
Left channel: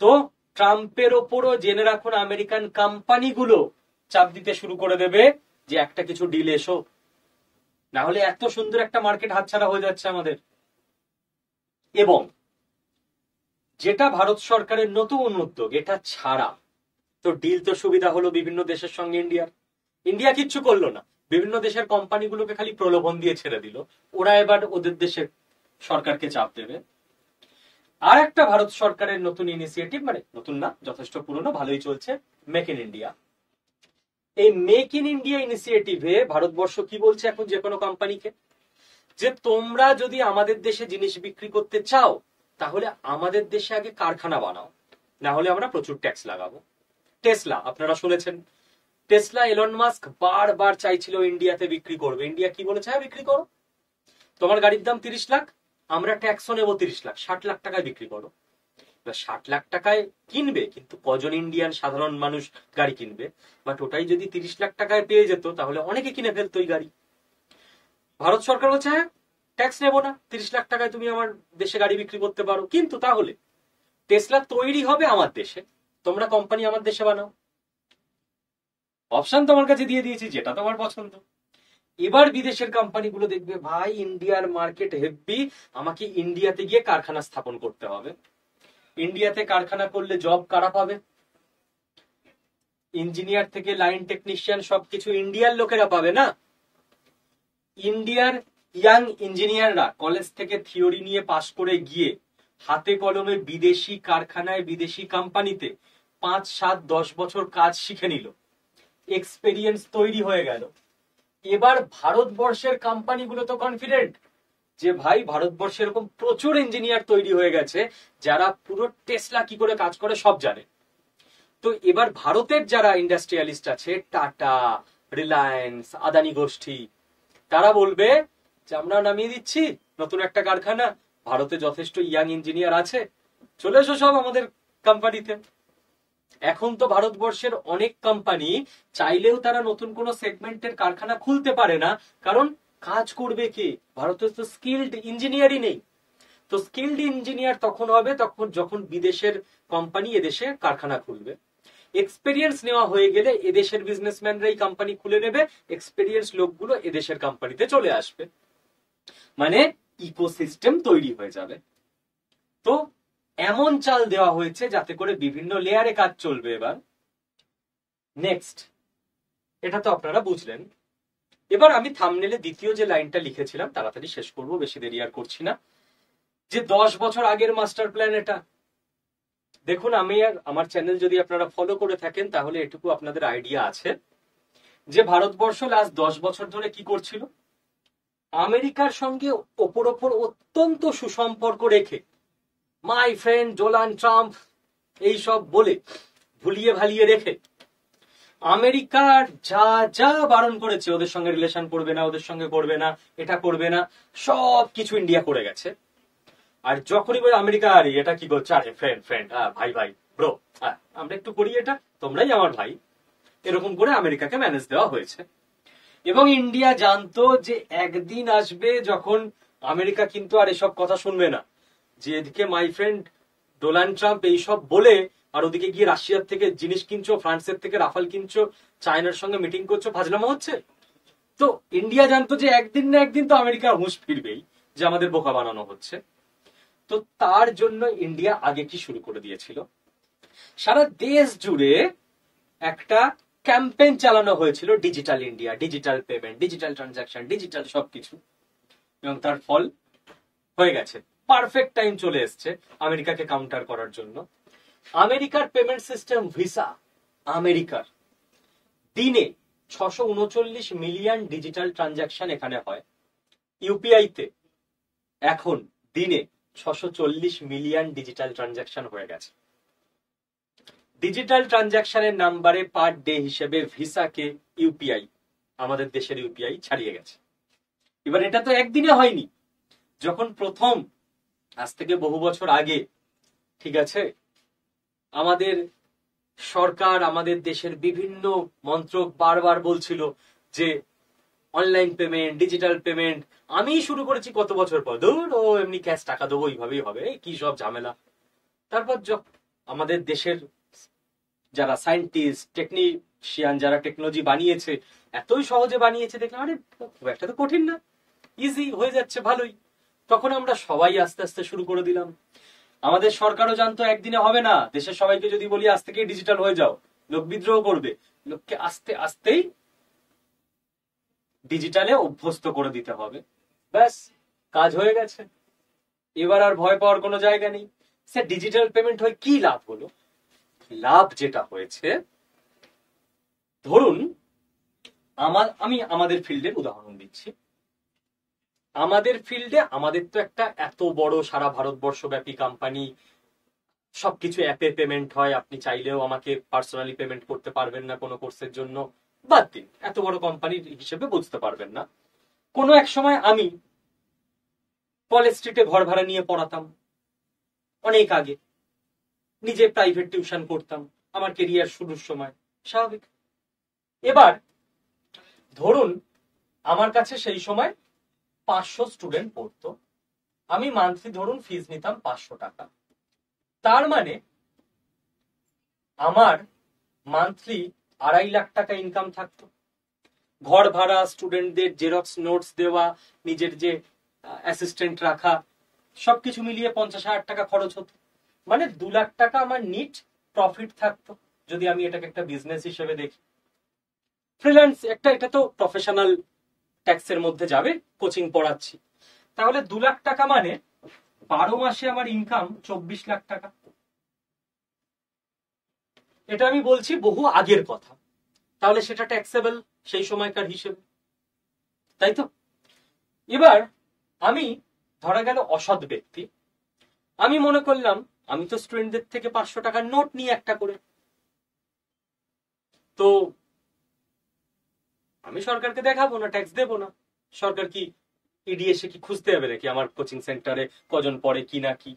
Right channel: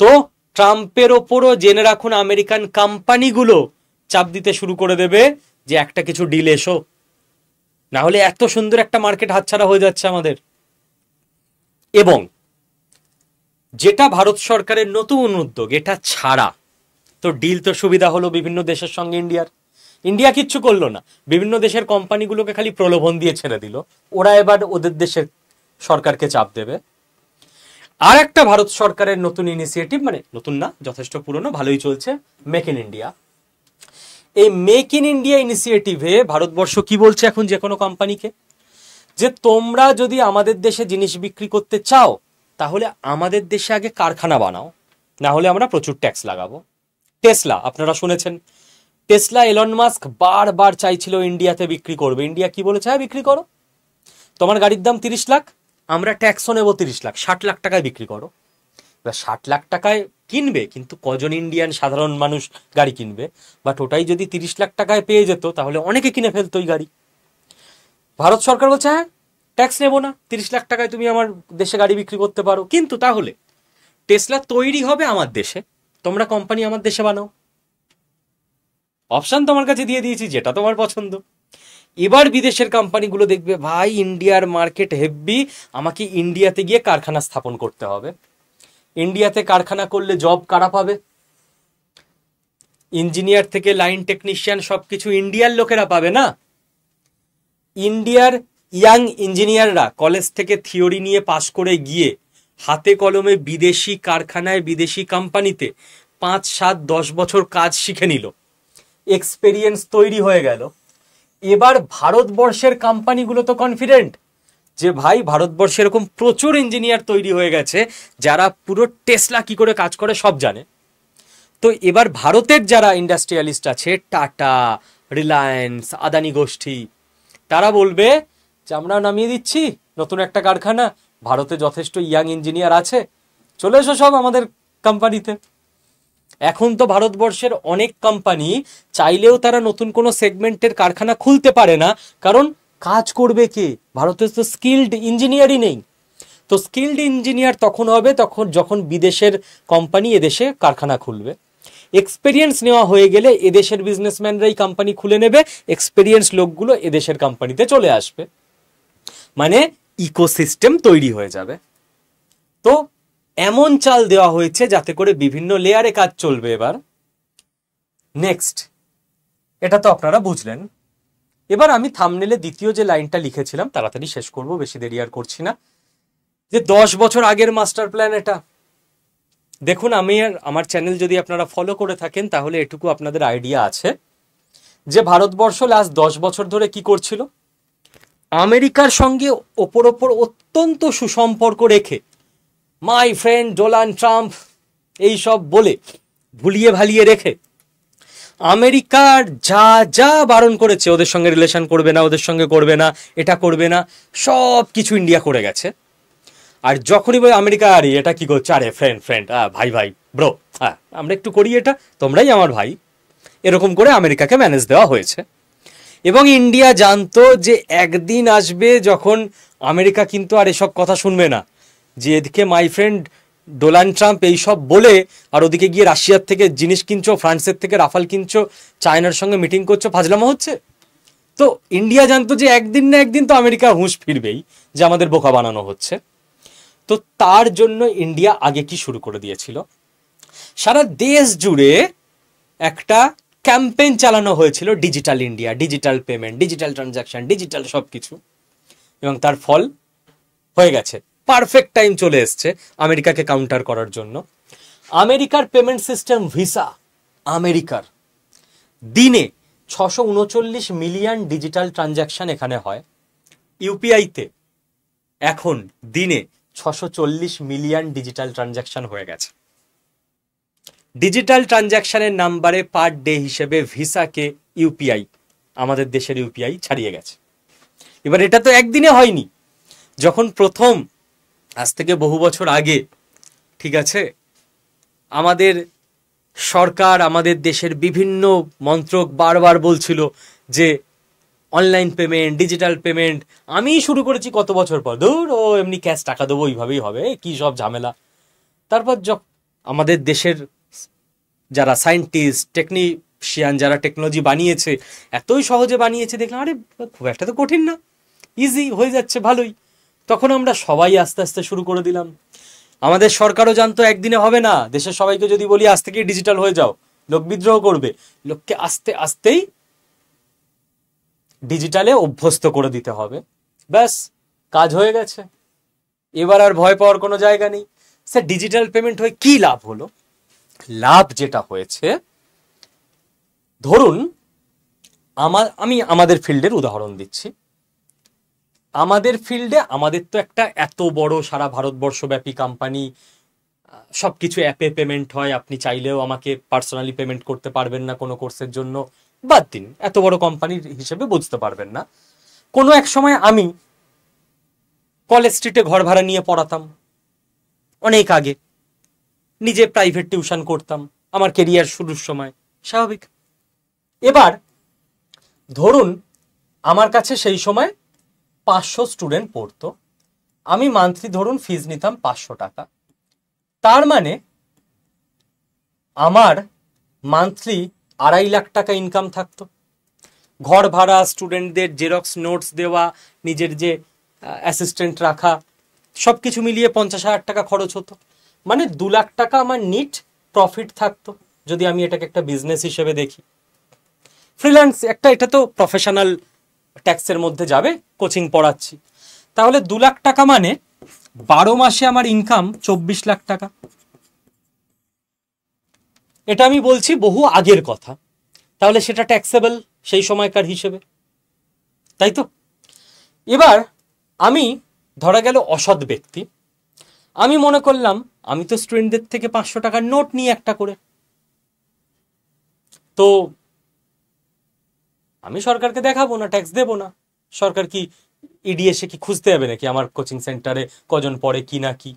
তো ট্রাম্পের ওপরও জেনে রাখুন আমেরিকান কোম্পানিগুলো চাপ দিতে শুরু করে দেবে যে একটা কিছু ডিল এসো, না হলে এত সুন্দর একটা মার্কেট হাতছাড়া হয়ে যাচ্ছে আমাদের। এবং যেটা ভারত সরকারের নতুন উদ্যোগ, এটা ছাড়া তো ডিল তো সুবিধা হলো বিভিন্ন দেশের সঙ্গে ইন্ডিয়া কিচ্ছু করলো না, বিভিন্ন দেশের কোম্পানিগুলোকে খালি প্রলোভন দিয়ে ছেড়ে দিল, ওরা এবার ওদের দেশের সরকারকে চাপ দেবে। আর একটা ভারত সরকারের নতুন ইনিশিয়েটিভ, মানে নতুন না, যথেষ্ট পুরনো, ভালোই চলছে, মেক ইন ইন্ডিয়া। এই মেক ইন ইন্ডিয়া ইনিশিয়েটিভে ভারতবর্ষ কি বলছে এখন যে কোনো কোম্পানিকে, যে তোমরা যদি আমাদের দেশে জিনিস বিক্রি করতে চাও তাহলে আমাদের দেশে আগে কারখানা বানাও, না হলে আমরা প্রচুর ট্যাক্স লাগাবো। টেসলা আপনারা শুনেছেন, টেসলা এলন মাস্ক বারবার চাইছিল ইন্ডিয়াতে বিক্রি করবে, ইন্ডিয়া কি বলেছে, হ্যাঁ বিক্রি করো, তোমার গাড়ির দাম 30 লাখ, আমরা ট্যাক্সও নেবো 30 লাখ, 60 লাখ টাকায় বিক্রি করো। এবার 60 লাখ টাকায় কিনবে, কিন্তু কজন ইন্ডিয়ান সাধারণ মানুষ গাড়ি কিনবে? বাট ওটাই যদি 30 লাখ টাকায় পেয়ে যেত তাহলে অনেকে কিনে ফেলতো ওই গাড়ি। ভারত সরকার বলছে হ্যাঁ ট্যাক্স নেবো না, 30 লাখ টাকায় তুমি আমার দেশে গাড়ি বিক্রি করতে পারো, কিন্তু তাহলে টেসলা তৈরি হবে আমার দেশে, তোমরা কোম্পানি আমার দেশে বানাও। অপশন তোমার কাছে দিয়ে দিয়েছি, যেটা তোমার পছন্দ। এবার বিদেশের কোম্পানিগুলো দেখবে ভাই ইন্ডিয়ার মার্কেট হেভি, আমাকে ইন্ডিয়াতে গিয়ে কারখানা স্থাপন করতে হবে। ইন্ডিয়াতে কারখানা করলে জব কারা পাবে? ইঞ্জিনিয়ার থেকে লাইন টেকনিশিয়ান সবকিছু ইন্ডিয়ার লোকেরা পাবে না। ইন্ডিয়ার ইয়াং ইঞ্জিনিয়াররা কলেজ থেকে থিওরি নিয়ে পাশ করে গিয়ে হাতে কলমে বিদেশি কারখানায়, বিদেশি কোম্পানিতে 5, 7, 10 বছর কাজ শিখে নিল, এক্সপেরিয়েন্স তৈরি হয়ে গেল। এবার ভারতবর্ষের কোম্পানিগুলো তো কনফিডেন্ট যে ভাই ভারতবর্ষে এরকম প্রচুর ইঞ্জিনিয়ার তৈরি হয়ে গেছে যারা পুরো টেসলা কি করে কাজ করে সব জানে। তো এবার ভারতের যারা ইন্ডাস্ট্রিয়ালিস্ট আছে, টাটা, রিলায়েন্স, আদানি গোষ্ঠী, তারা বলবে যে আমরা নামিয়ে দিচ্ছি নতুন একটা কারখানা, ভারতে যথেষ্ট ইয়াং ইঞ্জিনিয়ার আছে, চলে এসো সব আমাদের কোম্পানিতে। এখন তো ভারতবর্ষের অনেক কোম্পানি চাইলেও তারা নতুন কোনো সেগমেন্টের কারখানা খুলতে পারে না, কারণ কাজ করবে কে? ভারতে তো স্কিল্ড ইঞ্জিনিয়ারই নেই। তো স্কিল্ড ইঞ্জিনিয়ার তখন হবে যখন বিদেশের কোম্পানি এদেশে কারখানা খুলবে। এক্সপেরিয়েন্স নেওয়া হয়ে গেলে এদেশের বিজনেসম্যানরাই কোম্পানি খুলে নেবে, এক্সপেরিয়েন্স লোকগুলো এদেশের কোম্পানিতে চলে আসবে, মানে ইকোসিস্টেম তৈরি হয়ে যাবে। তো এমন চাল দেওয়া হয়েছে যাতে করে বিভিন্ন লেয়ারে কাজ চলবে। এবার নেক্সট, এটা তো আপনারা বুঝলেন। এবার আমি থাম্বনেলে দ্বিতীয় যে লাইনটা লিখেছিলাম তাড়াতাড়ি শেষ করব, বেশি দেরি আর করছি না, যে 10 বছর আগের মাস্টার প্ল্যান এটা। দেখুন, আমার চ্যানেল যদি আপনারা ফলো করে থাকেন তাহলে এটুকু আপনাদের আইডিয়া আছে যে ভারতবর্ষ লাস্ট 10 বছর ধরে কি করছিল। আমেরিকার সঙ্গে ওপর অত্যন্ত সুসম্পর্ক রেখে মাই ফ্রেন্ড ডোনাল্ড ট্রাম্প এইসব বলে ভুলিয়ে ভালিয়ে রেখে আমেরিকার যা যা বারণ করেছে, ওদের সঙ্গে রিলেশন করবে না, ওদের সঙ্গে করবে না, এটা করবে না, সব কিছু ইন্ডিয়া করে গেছে। আর যখনই বলে আমেরিকা, আরে এটা কি করছে, আরে ফ্রেন্ড ফ্রেন্ড, ভাই ভাই ব্রো, হ্যাঁ আমরা একটু করি এটা, তোমরাই আমার ভাই, এরকম করে আমেরিকাকে ম্যানেজ দেওয়া হয়েছে। এবং ইন্ডিয়া জানতো যে একদিন আসবে যখন আমেরিকা কিন্তু আর এসব কথা শুনবে না, যে এদিকে মাই ফ্রেন্ড ডোনাল্ড ট্রাম্প এইসব বলে, আর ওদিকে গিয়ে রাশিয়ার থেকে জিনিস কিনছো, ফ্রান্সের থেকে রাফাল কিনছো, চায়নার সঙ্গে মিটিং করছো, ফাজলামো হচ্ছে। তো ইন্ডিয়া জানতো যে একদিন না একদিন তো আমেরিকার হুঁশ ফিরবেই, যে আমাদের বোকা বানানো হচ্ছে। তো তার জন্য ইন্ডিয়া আগে কি শুরু করে দিয়েছিল, সারা দেশ জুড়ে একটা ক্যাম্পেইন চালানো হয়েছিল, digital India, digital payment, digital transaction, digital সবকিছু। এবং তার ফল হয়ে গেছে, পারফেক্ট টাইম চলে এসছে আমেরিকাকে কাউন্টার করার জন্য। আমেরিকার পেমেন্ট সিস্টেম ভিসা, আমেরিকার দিনে 639 মিলিয়ন ডিজিটাল ট্রানজাকশন এখানে হয়। ইউপিআইতে এখন দিনে 640 মিলিয়ন ডিজিটাল ট্রানজাকশন হয়ে গেছে। ডিজিটাল ট্রানজাকশনের নাম্বারে পার ডে হিসেবে ভিসাকে ইউপিআই, আমাদের দেশের ইউপিআই ছাড়িয়ে গেছে। এবার এটা তো একদিনে হয়নি, যখন প্রথম আজ থেকে বহু বছর আগে, ঠিক আছে, আমাদের সরকার, আমাদের দেশের বিভিন্ন মন্ত্রক বারবার বলছিল যে অনলাইন পেমেন্ট, ডিজিটাল পেমেন্ট, আমি শুরু করেছি কত বছর পর, ধুর ও এমনি ক্যাশ টাকা দেবো ওইভাবেই হবে, কি সব ঝামেলা। তারপর আমাদের দেশের যারা সায়েন্টিস্ট, টেকনিশিয়ান, যারা টেকনোলজি বানিয়েছে, এতই সহজে বানিয়েছে, দেখলাম আরে খুব একটা তো কঠিন না, ইজি হয়ে যাচ্ছে, ভালোই। তখন আমরা সবাই আস্তে আস্তে শুরু করে দিলাম। আমাদের সরকারও জানতো একদিনে হবে না, দেশের সবাইকে যদি বলি আজ থেকেই ডিজিটাল হয়ে যাও, লোক বিদ্রোহ করবে, লোককে আস্তে আস্তেই ডিজিটালে অভ্যস্ত করে দিতে হবে, ব্যাস কাজ হয়ে গেছে। এবার আর ভয় পাওয়ার কোনো জায়গা নেই। স্যার ডিজিটাল পেমেন্ট হয়ে কি লাভ হলো? লাভ যেটা হয়েছে, ধরুন আমি আমাদের ফিল্ডের উদাহরণ দিচ্ছি। আমাদের ফিল্ডে আমাদের তো একটা এত বড় সারা ভারতবর্ষব্যাপী কোম্পানি, সবকিছু অ্যাপে পেমেন্ট হয়, আপনি চাইলেও আমাকে পার্সোনালি পেমেন্ট করতে পারবেন না কোনো কোর্সের জন্য, বাদ দিন, এত বড় কোম্পানির হিসেবে বুঝতে পারবেন না। কোনো এক সময় আমি কলেজ স্ট্রিটে ঘর ভাড়া নিয়ে পড়াতাম, অনেক আগে নিজে প্রাইভেট টিউশন করতাম আমার কেরিয়ার শুরুর সময়, স্বাভাবিক। এবার ধরুন আমার কাছে সেই সময় 500 স্টুডেন্ট পড়তো, আমি মান্থলি ধরুন ফিজ নিতাম 500 টাকা। তার মানে আমার মান্থলি 2.5 লাখ টাকা ইনকাম থাকতো। ঘর ভাড়া, স্টুডেন্টদের জেরক্স নোটস দেওয়া, নিজের যে অ্যাসিস্ট্যান্ট রাখা, সবকিছু মিলিয়ে 50,000 টাকা খরচ হতো। মানে 2 লাখ টাকা আমার নিট প্রফিট থাকতো, যদি আমি এটাকে একটা বিজনেস হিসেবে দেখি। ফ্রিল্যান্স একটা, এটা তো প্রফেশনাল ট্যাক্সের মধ্যে যাবে, কোচিং পড়াচ্ছি, তাহলে 2 লাখ টাকা মানে 12 মাসে আমার ইনকাম 24 লাখ টাকা। এটা আমি বলছি বহু আগের কথা, তাহলে সেটা ট্যাক্সেবল সেই সময়কার হিসেবে, তাই তো? এবার আমি ধরা গেল অসৎ ব্যক্তি, আমি মনে করলাম আমি তো স্টুডেন্টদের থেকে 500 টাকার নোট নিই একটা করে, তো আমি সরকারকে দেখাবো না, ট্যাক্স দেবো না। সরকার কি ইডি এসে কি খুঁজতে হবে নাকি আমার কোচিং সেন্টারে কজন পড়ে কি না কি?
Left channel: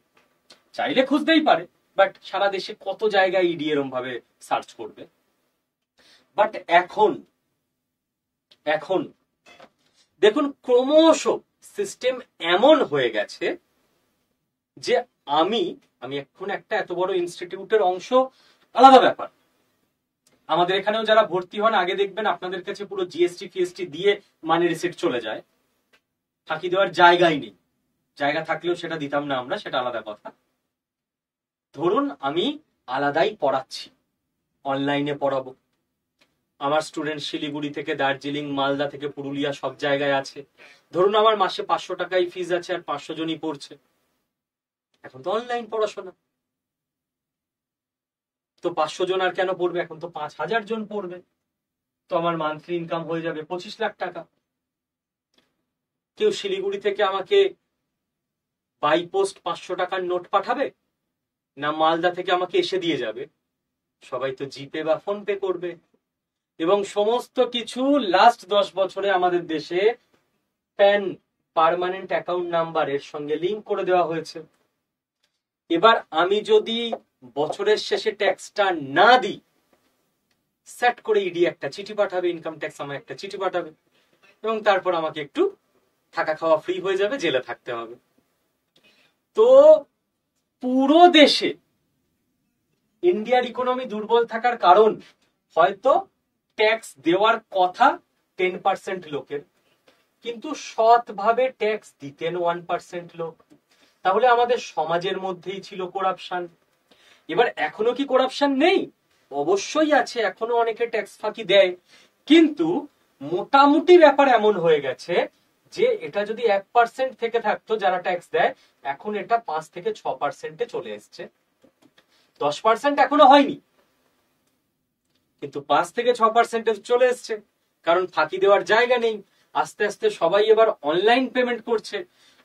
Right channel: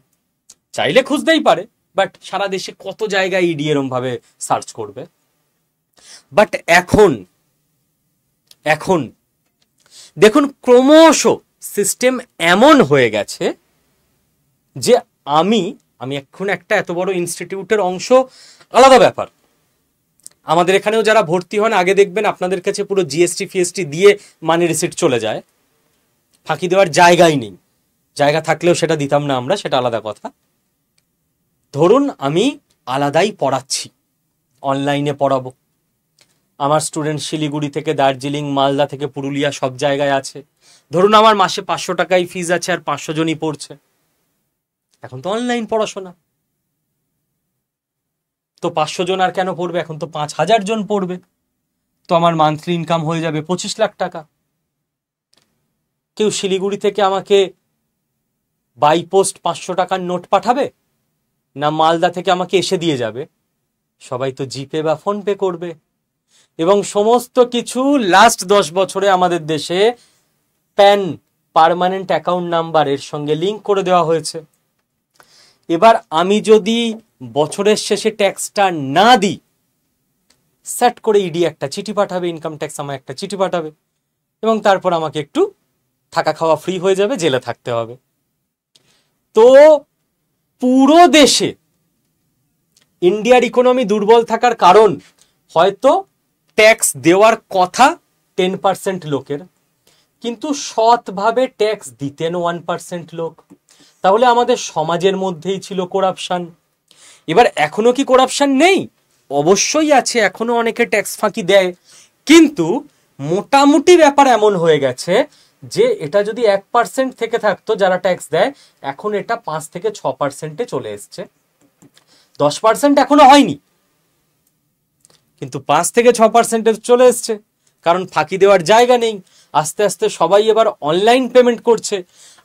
চাইলে খুঁজতেই পারে, বাট সারা দেশে কত জায়গায় ইডি এরম ভাবে সার্চ করবে। বাট এখন দেখুন ক্রমশ সিস্টেম এমন হয়ে গেছে যে আমি এখন একটা এত বড় ইনস্টিটিউটের অংশ, আলাদা ব্যাপার। আমাদের এখানেও যারা ভর্তি হন আগে দেখবেন আপনাদের কাছে পুরো জিএসটি ফিএসটি দিয়ে মানি রিসিট চলে যায়, ফাঁকি দেওয়ার জায়গাই নেই। জায়গা থাকলেও সেটা দিতাম না আমরা, সেটা আলাদা কথা। ধরুন আমি আলাদাই পড়াচ্ছি, অনলাইনে পড়াবো, আমার স্টুডেন্ট শিলিগুড়ি থেকে দার্জিলিং, মালদা থেকে পুরুলিয়া সব জায়গায় আছে। ধরুন আমার মাসে 500 টাকাই ফিজ আছে আর 500 জনই পড়ছে। এখন তো অনলাইন পড়াশোনা, তো 500 জন আর কেন পড়বে, এখন তো 5,000 জন পড়বে, তো আমার মান্থলি ইনকাম হয়ে যাবে 25 লাখ টাকা। কেউ শিলিগুড়ি থেকে আমাকে বাই পোস্ট 500 টাকার নোট পাঠাবে না মালদা থেকে আমাকে এসে দিয়ে যাবে? সবাই তো জিপে বা ফোন পে করবে। এবং সমস্ত কিছু লাস্ট 10 বছরে আমাদের দেশে প্যান, পার্মানেন্ট অ্যাকাউন্ট নাম্বার এর সঙ্গে লিঙ্ক করে দেওয়া হয়েছে। এবার আমি যদি বছরের শেষে ট্যাক্সটা না দিই, সেট করে ইডি একটা চিঠি পাঠাবে, ইনকাম ট্যাক্স আমায় একটা চিঠি পাঠাবে, এবং তারপর আমাকে একটু থাকা খাওয়া ফ্রি হয়ে যাবে, জেলে থাকতে হবে। তো পুরো দেশে ইন্ডিয়ার ইকোনমি দুর্বল থাকার কারণ হয়তো ট্যাক্স দেওয়ার কথা 10% লোকের, কিন্তু সৎভাবে ট্যাক্স দিতেন 1% লোক। তাহলে আমাদের সমাজের মধ্যেই ছিল করাপশন। এবার এখনো কি করাপশন নেই? অবশ্যই আছে, এখনো অনেকে ট্যাক্স ফাঁকি দেয়, কিন্তু মোটামুটি ব্যাপার এমন হয়ে গেছে যে এটা যদি 1% থেকে থাকতো যারা ট্যাক্স দেয়, এখন এটা 5 থেকে 6% চলে এসছে। 10% এখনো হয়নি, কিন্তু 5 থেকে 6% চলে এসছে, কারণ ফাঁকি দেওয়ার জায়গা নেই। আস্তে আস্তে সবাই এবার অনলাইন পেমেন্ট করছে।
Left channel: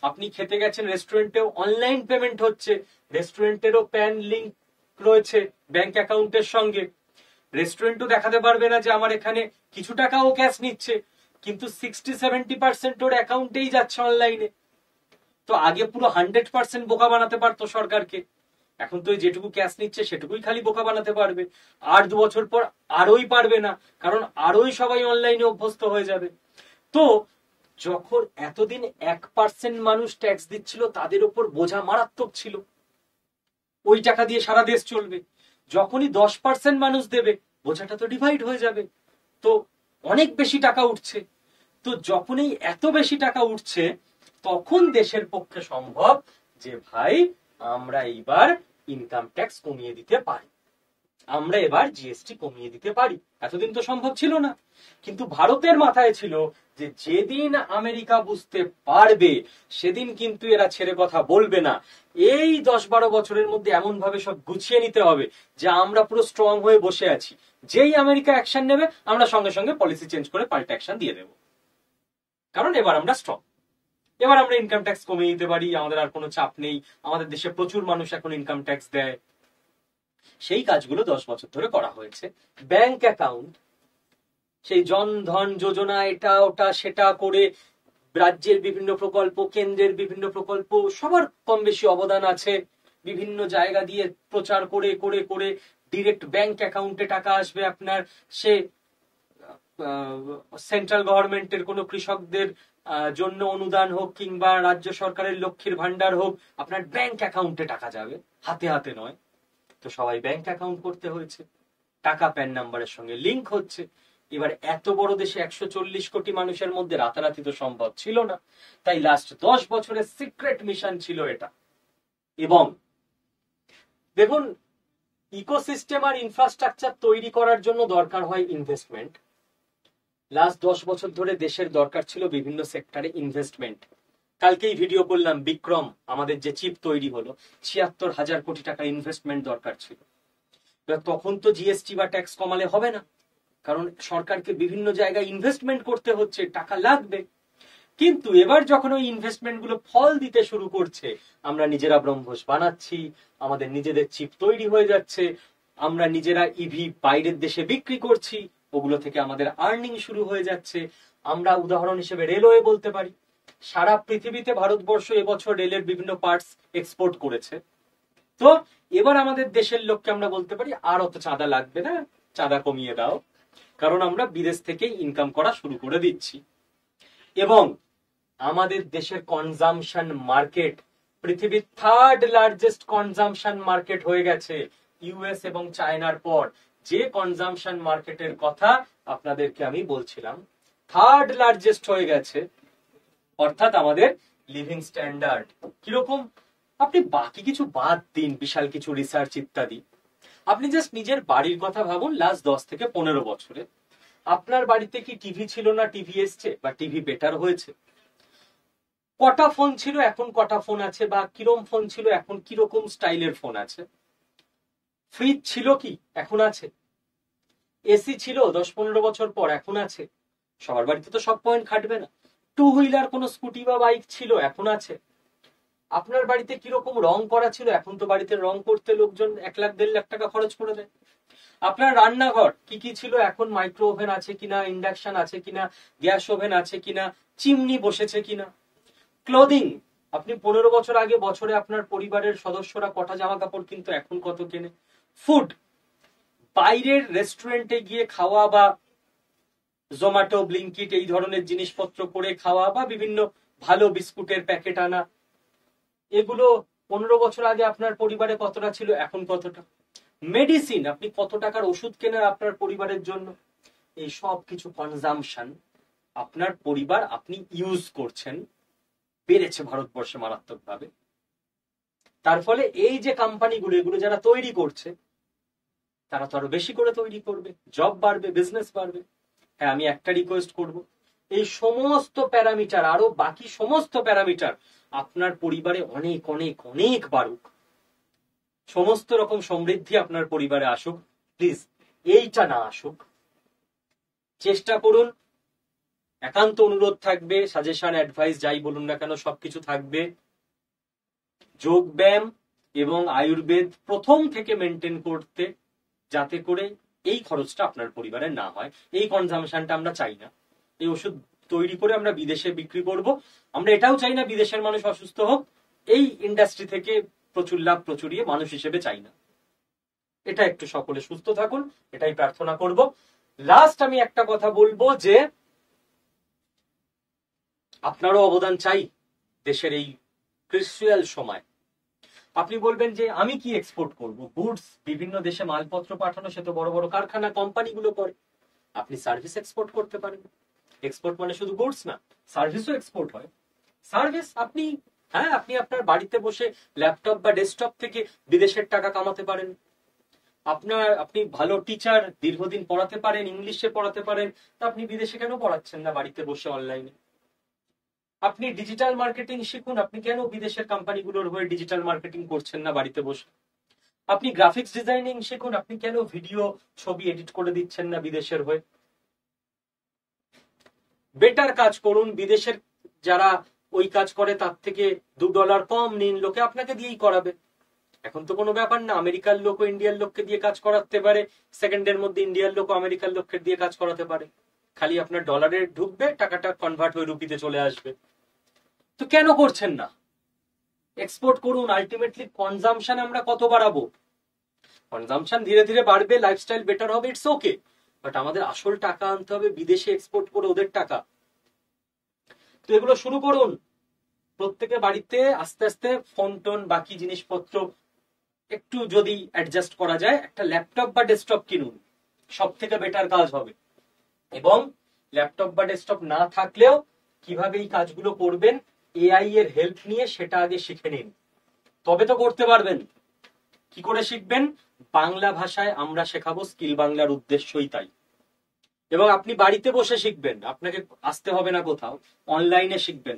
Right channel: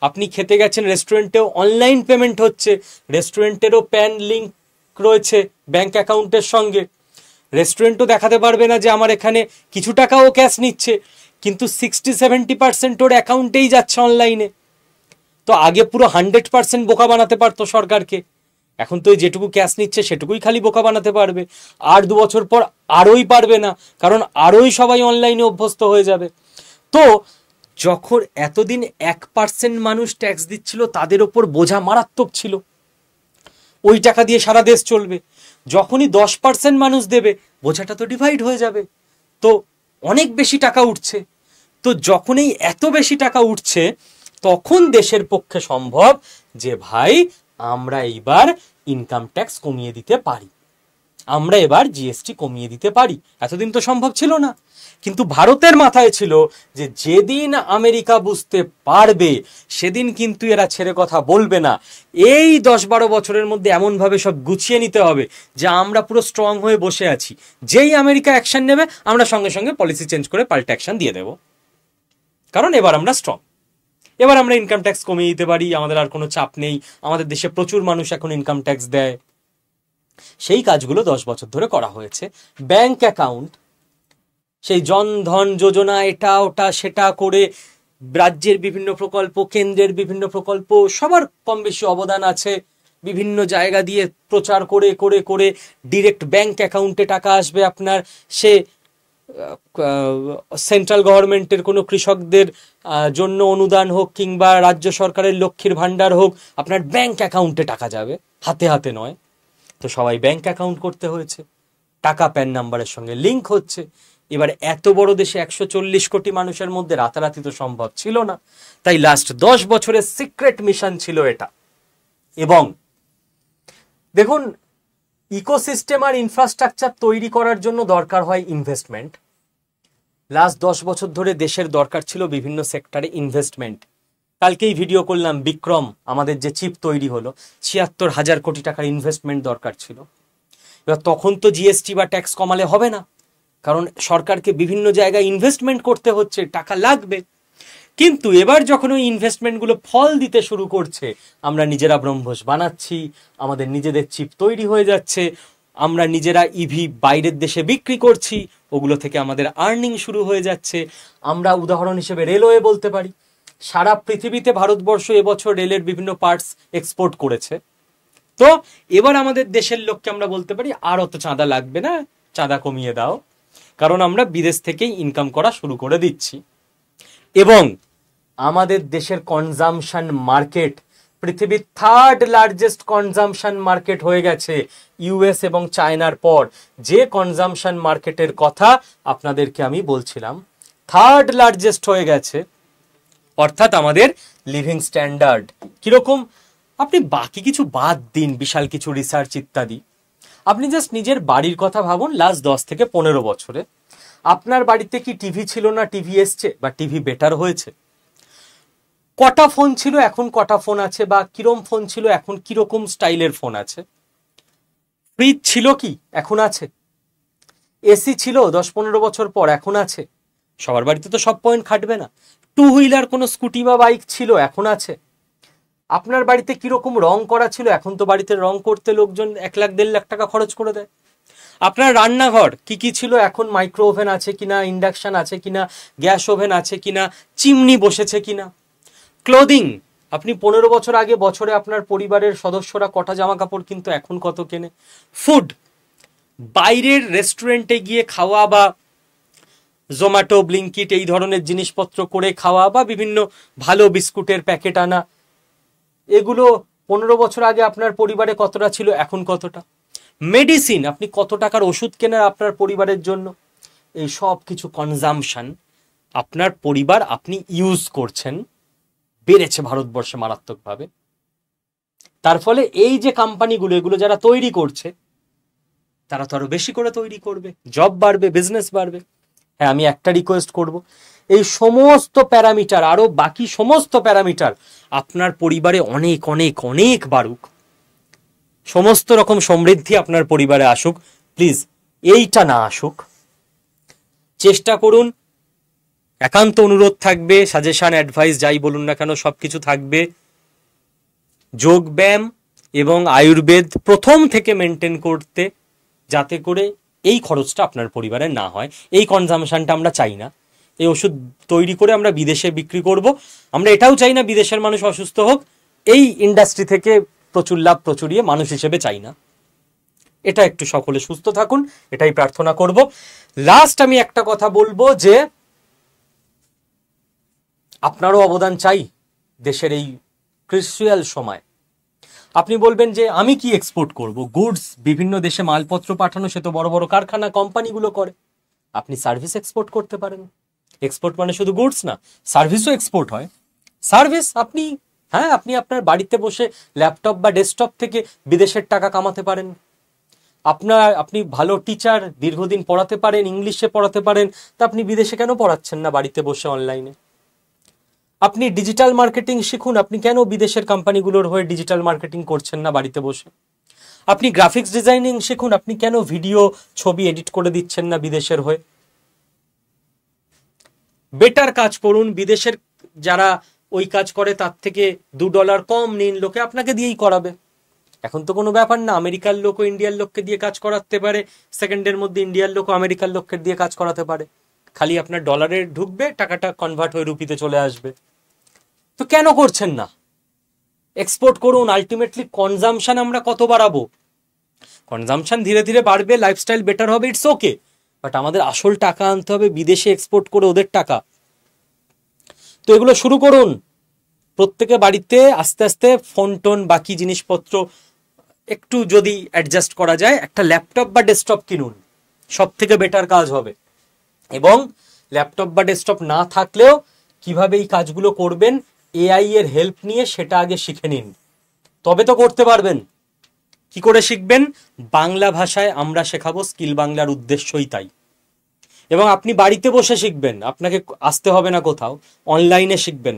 আপনি খেতে গেছেন রেস্টুরেন্টেও অনলাইন পেমেন্ট হচ্ছে, রেস্টুরেন্টেরও প্যান লিঙ্ক রয়েছে ব্যাংক অ্যাকাউন্টের সঙ্গে। রেস্টুরেন্টও দেখাতে পারবে না যে আমার এখানে কিছু টাকাও ক্যাশ নিচ্ছে, কিন্তু 60-70% ওর অ্যাকাউন্টেই যাচ্ছে অনলাইনে। তো আগে পুরো 100% বোকা বানাতে পারতো সরকারকে, এখন তো যেটুকু ক্যাশ নিচ্ছে সেটুকুই খালি বোকা বানাতে পারবে। আর 2 বছর পর আরোই পারবে না, কারণ আরোই সবাই অনলাইনে অভ্যস্ত হয়ে যাবে। তো যখন এতদিন 1% মানুষ ট্যাক্স দিচ্ছিল, তাদের ওপর বোঝা মারাত্মক ছিল, ওই টাকা দিয়ে সারা দেশ চলবে। যখনই 10% মানুষ দেবে, বোঝাটা তো ডিভাইড হয়ে যাবে, তো অনেক বেশি টাকা উঠছে। তো যখনই এত বেশি টাকা উঠছে, তখন দেশের পক্ষে সম্ভব যে ভাই আমরা এইবার ইনকাম ট্যাক্স কমিয়ে দিতে পারি, আমরা এবার জিএসটি কমিয়ে দিতে পারি। এতদিন তো সম্ভব ছিল না। কিন্তু ভারতের মাথায় ছিল যে যেদিন আমেরিকা বুঝতে পারবে সেদিন কিন্তু এরা ছেড়ে কথা বলবে না। এই 10-12 বছরের মধ্যে এমন ভাবে সব গুছিয়ে নিতে হবে যে আমরা পুরো স্ট্রং হয়ে বসে আছি, যেই আমেরিকা অ্যাকশন নেবে আমরা সঙ্গে সঙ্গে পলিসি চেঞ্জ করে পাল্টা অ্যাকশন দিয়ে দেব, কারণ এবার আমরা স্ট্রং, এবার আমরা ইনকাম ট্যাক্স কমিয়ে দিতে পারি, আমাদের আর কোনো চাপ নেই। আমাদের দেশে প্রচুর মানুষ এখন ইনকাম ট্যাক্স দেয়। সেই কাজগুলো 10 বছর ধরে করা হয়েছে। ব্যাংক অ্যাকাউন্ট, সেই জনধন যোজনা, এটা ওটা সেটা করে রাজ্যের বিভিন্ন প্রকল্প, কেন্দ্রের বিভিন্ন প্রকল্প, সবার কম বেশি অবদান আছে। বিভিন্ন জায়গা দিয়ে প্রচার করে করে করে ডিরেক্ট ব্যাংক অ্যাকাউন্টে টাকা আসবে আপনার। সে সেন্ট্রাল গভর্নমেন্টের কোনো কৃষকদের জন্য অনুদান হোক, কিংবা রাজ্য সরকারের লক্ষ্মীর ভান্ডার হোক, আপনার ব্যাংক অ্যাকাউন্টে টাকা যাবে, হাতে হাতে নয়। তো সবাই ব্যাংক অ্যাকাউন্ট করতে হয়েছে, টাকা প্যান নাম্বারের সঙ্গে লিঙ্ক হচ্ছে। এবার এত বড় দেশে 140 কোটি মানুষের মধ্যে রাতারাতি তো সম্ভব ছিল না, তাই লাস্ট 10 বছরের সিক্রেট মিশন ছিল এটা। এবং দেখুন, ইকোসিস্টেম আর ইনফ্রাস্ট্রাকচার তৈরি করার জন্য দরকার হয় ইনভেস্টমেন্ট। লাস্ট 10 বছর ধরে দেশের দরকার ছিল বিভিন্ন সেক্টরে ইনভেস্টমেন্ট। কালকেই ভিডিও করলাম, বিক্রম আমাদের যে চিপ তৈরি হলো, 76,000 কোটি টাকার ইনভেস্টমেন্ট দরকার ছিল। এবার তখন তো জিএসটি বা ট্যাক্স কমালে হবে না, কারণ সরকারকে বিভিন্ন জায়গায় ইনভেস্টমেন্ট করতে হচ্ছে, টাকা লাগবে। কিন্তু এবার যখন ওই ইনভেস্টমেন্টগুলো ফল দিতে শুরু করছে, আমরা নিজেরা ব্রহ্মোস বানাচ্ছি, আমাদের নিজেদের চিপ তৈরি হয়ে যাচ্ছে, আমরা নিজেরা ইভি বাইরের দেশে বিক্রি করছি, ওগুলো থেকে আমাদের আর্নিং শুরু হয়ে যাচ্ছে। আমরা উদাহরণ হিসেবে রেলওয়ে বলতে পারি। সারা পৃথিবীতে ভারতবর্ষ এবছর রেলের বিভিন্ন পার্টস এক্সপোর্ট করেছে। তো এবার আমাদের দেশের লোককে আমরা বলতে পারি আর অত চাঁদা লাগবে না, চাঁদা কমিয়ে দাও, কারণ আমরা বিদেশ থেকেই ইনকাম করা শুরু করে দিচ্ছি। এবং আমাদের দেশের কনজামশন মার্কেট পৃথিবীর 3rd লার্জেস্ট কনজামশন মার্কেট হয়ে গেছে ইউএস এবং চায়নার পর। যে কনজামশন মার্কেটের কথা আপনাদেরকে আমি বলছিলাম, 3rd লার্জেস্ট হয়ে গেছে। অর্থাৎ আমাদের লিভিং স্ট্যান্ডার্ড কিরকম, আপনি বাকি কিছু বাদ দিন, বিশাল কিছু রিসার্চ ইত্যাদি, আপনি জাস্ট নিজের বাড়ির কথা ভাবুন। লাস্ট 10 থেকে 15 বছরে আপনার বাড়িতে কি টিভি ছিল না টিভি এসছে, বা টিভি বেটার হয়েছে? কটা ফোন ছিল, এখন কটা ফোন আছে, বা কিরম ফোন ছিল, এখন কিরকম স্টাইলের ফোন আছে? ফ্রিজ ছিল কি, এখন আছে? এসি ছিল 10-15 বছর পর, এখন আছে? সবার বাড়িতে তো সব পয়েন্ট খাটবে না। 2 হুইলার কোনো স্কুটি বা বাইক ছিল, এখন আছে? আপনার বাড়িতে কিরকম রং করা ছিল, এখন তো বাড়িতে রং করতে লোকজন 1-1.5 লাখ টাকা খরচ করে দেয়। আপনার রান্নাঘর কি কি ছিল, এখন মাইক্রো ওভেন আছে কিনা, ইন্ডাকশন আছে কিনা, গ্যাস ওভেন আছে কিনা, চিমনি বসেছে কিনা। ক্লোদিং, আপনি 15 বছর আগে বছরে আপনার পরিবারের সদস্যরা কটা জামা কাপড় কিন্তু এখন কত কেনে? ফুড, বাইরের রেস্টুরেন্টে গিয়ে খাওয়া বা জোম্যাটো, ব্লিঙ্কিট এই ধরনের জিনিসপত্র করে খাওয়া বা বিভিন্ন ভালো বিস্কুটের প্যাকেট আনা, এগুলো 15 বছর আগে আপনার পরিবারে কতটা ছিল, এখন কতটা? মেডিসিন, আপনি কত টাকার ওষুধ কেনার আপনার পরিবারের জন্য, এই সব কিছু কনজামশন আপনার পরিবার আপনি ইউজ করছেন, বেড়েছে ভারতবর্ষে মারাত্মকভাবে। তার ফলে এই যে কোম্পানিগুলো, এগুলো যারা তৈরি করছে তারা তো আরো বেশি করে তৈরি করবে, জব বাড়বে, বিজনেস বাড়বে। হ্যাঁ, আমি একটা রিকোয়েস্ট করব, এই সমস্ত প্যারামিটার, আরো বাকি সমস্ত প্যারামিটার আপনার পরিবারে অনেক অনেক অনেক বাড়ুক, সমস্ত রকম সমৃদ্ধি আপনার পরিবারে আসুক। প্লিজ এইটা না আসুক। চেষ্টা করুন, একান্ত অনুরোধ থাকবে, সাজেশন, অ্যাডভাইস যাই বলুন না কেন সবকিছু থাকবে। যোগ ব্যায়াম এবং আয়ুর্বেদ প্রথম থেকে মেনটেন করতে, যাতে করে এই খরচটা আপনার পরিবারে না হয়। এই কনজামশনটা আমরা চাই না। এই ওষুধ তৈরি করে আমরা বিদেশে বিক্রি করব, আমরা এটাও চাই না বিদেশের মানুষ অসুস্থ হোক। এই ইন্ডাস্ট্রি থেকে প্রচুর লাভ প্রচুরিয়ে মানুষ হিসেবে চাই না। এটা একটু সকলে সুস্থ থাকুন, এটাই প্রার্থনা করব। লাস্ট আমি একটা কথা বলবো যে আপনারও অবদান চাই দেশের এই ক্রুশিয়াল সময়। আপনি বলবেন যে আমি কি এক্সপোর্ট করব, গুডস বিভিন্ন দেশে মালপত্র পাঠানো সে তো বড় বড় কারখানা কোম্পানিগুলো করে। আপনি সার্ভিস এক্সপোর্ট করতে পারেন। এক্সপোর্ট মানে শুধু গুডস না, সার্ভিসও এক্সপোর্ট হয়। সার্ভিস আপনি, হ্যাঁ, আপনি আপনার বাড়িতে বসে ল্যাপটপ বা ডেস্কটপ থেকে বিদেশের টাকা কামাতে পারেন। আপনি ভালো টিচার, দীর্ঘদিন পড়াতে পারেন, ইংলিশে পড়াতে পারেন, তা আপনি বিদেশে কেন পড়াচ্ছেন না বাড়িতে বসে অনলাইনে? আপনি ডিজিটাল মার্কেটিং শিখুন, আপনি কেন বিদেশের কোম্পানিগুলোর হয়ে ডিজিটাল মার্কেটিং করছেন না বাড়িতে বসে? আপনি গ্রাফিক্স ডিজাইনিং শিখুন, আপনি কেন ভিডিও ছবি এডিট করে দিচ্ছেন না বিদেশের হয়ে? বেটার কাজ করুন, বিদেশের যারা ওই কাজ করে তার থেকে $2 কম নিন, লোকে আপনাকে দিয়েই করাবে। এখন তো কোনো ব্যাপার না, আমেরিকার লোক ও ইন্ডিয়ার লোককে দিয়ে কাজ করাতে পারে, সেকেন্ডের মধ্যে ইন্ডিয়ার লোক ও আমেরিকার লোককে দিয়ে কাজ করাতে পারে। খালি আপনার ডলারে ঢুকবে, টাকাটা কনভার্ট হয়ে রুপিতে চলে আসবে। তো কেন করছেন না? এক্সপোর্ট করুন। আলটিমেটলি কনজামশন আমরা কত বাড়াবো? কনজামশন ধীরে ধীরে বাড়বে, লাইফস্টাইল বেটার হবে, ইটস ওকে, বাট আমাদের আসল টাকা আনতে হবে বিদেশে এক্সপোর্ট করে, ওদের টাকা। তো এগুলো শুরু করুন প্রত্যেকে বাড়িতে, আস্তে আস্তে ফোন টোন বাকি জিনিসপত্র একটু যদি অ্যাডজাস্ট করা যায়, একটা ল্যাপটপ বা ডেস্কটপ কিনুন, সব থেকে বেটার কাজ হবে। এবং ল্যাপটপ বা ডেস্কটপ না থাকলেও কিভাবে এই কাজগুলো করবেন এআই এর হেল্প নিয়ে সেটা আগে শিখে নিন, তবে তো করতে পারবেন। কি করে শিখবেন? বাংলা ভাষায় আমরা শেখাবো, স্কিল বাংলার উদ্দেশ্যই তাই। এবং আপনি বাড়িতে বসে শিখবেন, আপনাকে আসতে হবে না কোথাও, অনলাইনে শিখবেন।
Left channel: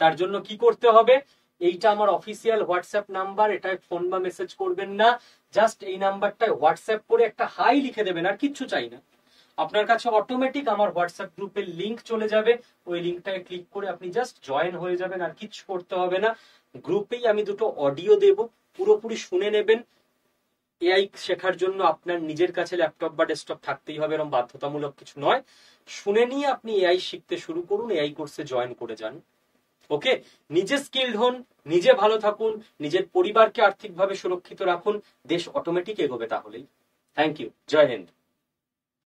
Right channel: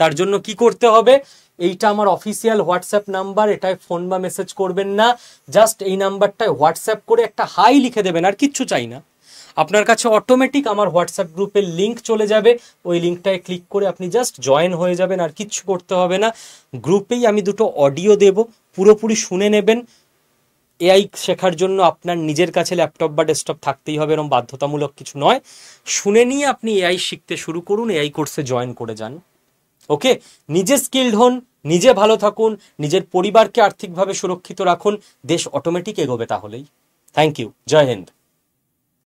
তার জন্য কি করতে হবে? এইটা আমার অফিসিয়াল হোয়াটসঅ্যাপ নাম্বার, এটায় ফোন বা মেসেজ করবেন না, জাস্ট এই নাম্বারটায় হোয়াটসঅ্যাপ করে একটা হাই লিখে দেবেন, আর কিচ্ছু চাই না। আপনার কাছে অটোমেটিক আমার হোয়াটসঅ্যাপ গ্রুপের লিঙ্ক চলে যাবে, ওই লিঙ্কটায় ক্লিক করে আপনি জাস্ট জয়েন হয়ে যাবেন, আর কিচ্ছু করতে হবে না। গ্রুপেই আমি দুটো অডিও দেব, পুরোপুরি শুনে নেবেন। এআই শেখার জন্য আপনার নিজের কাছে ল্যাপটপ বা ডেস্কটপ থাকতেই হবে, এরকম বাধ্যতামূলক কিছু নয়। শুনে নিয়ে আপনি এআই শিখতে শুরু করুন, এআই কোর্সে জয়েন করে যান। ওকে, নিজে স্কিলড হন, নিজে ভালো থাকুন, নিজের পরিবারকে আর্থিকভাবে সুরক্ষিত রাখুন, দেশ অটোমেটিক এগোবে তাহলেই। থ্যাংক ইউ, জয় হিন্দ।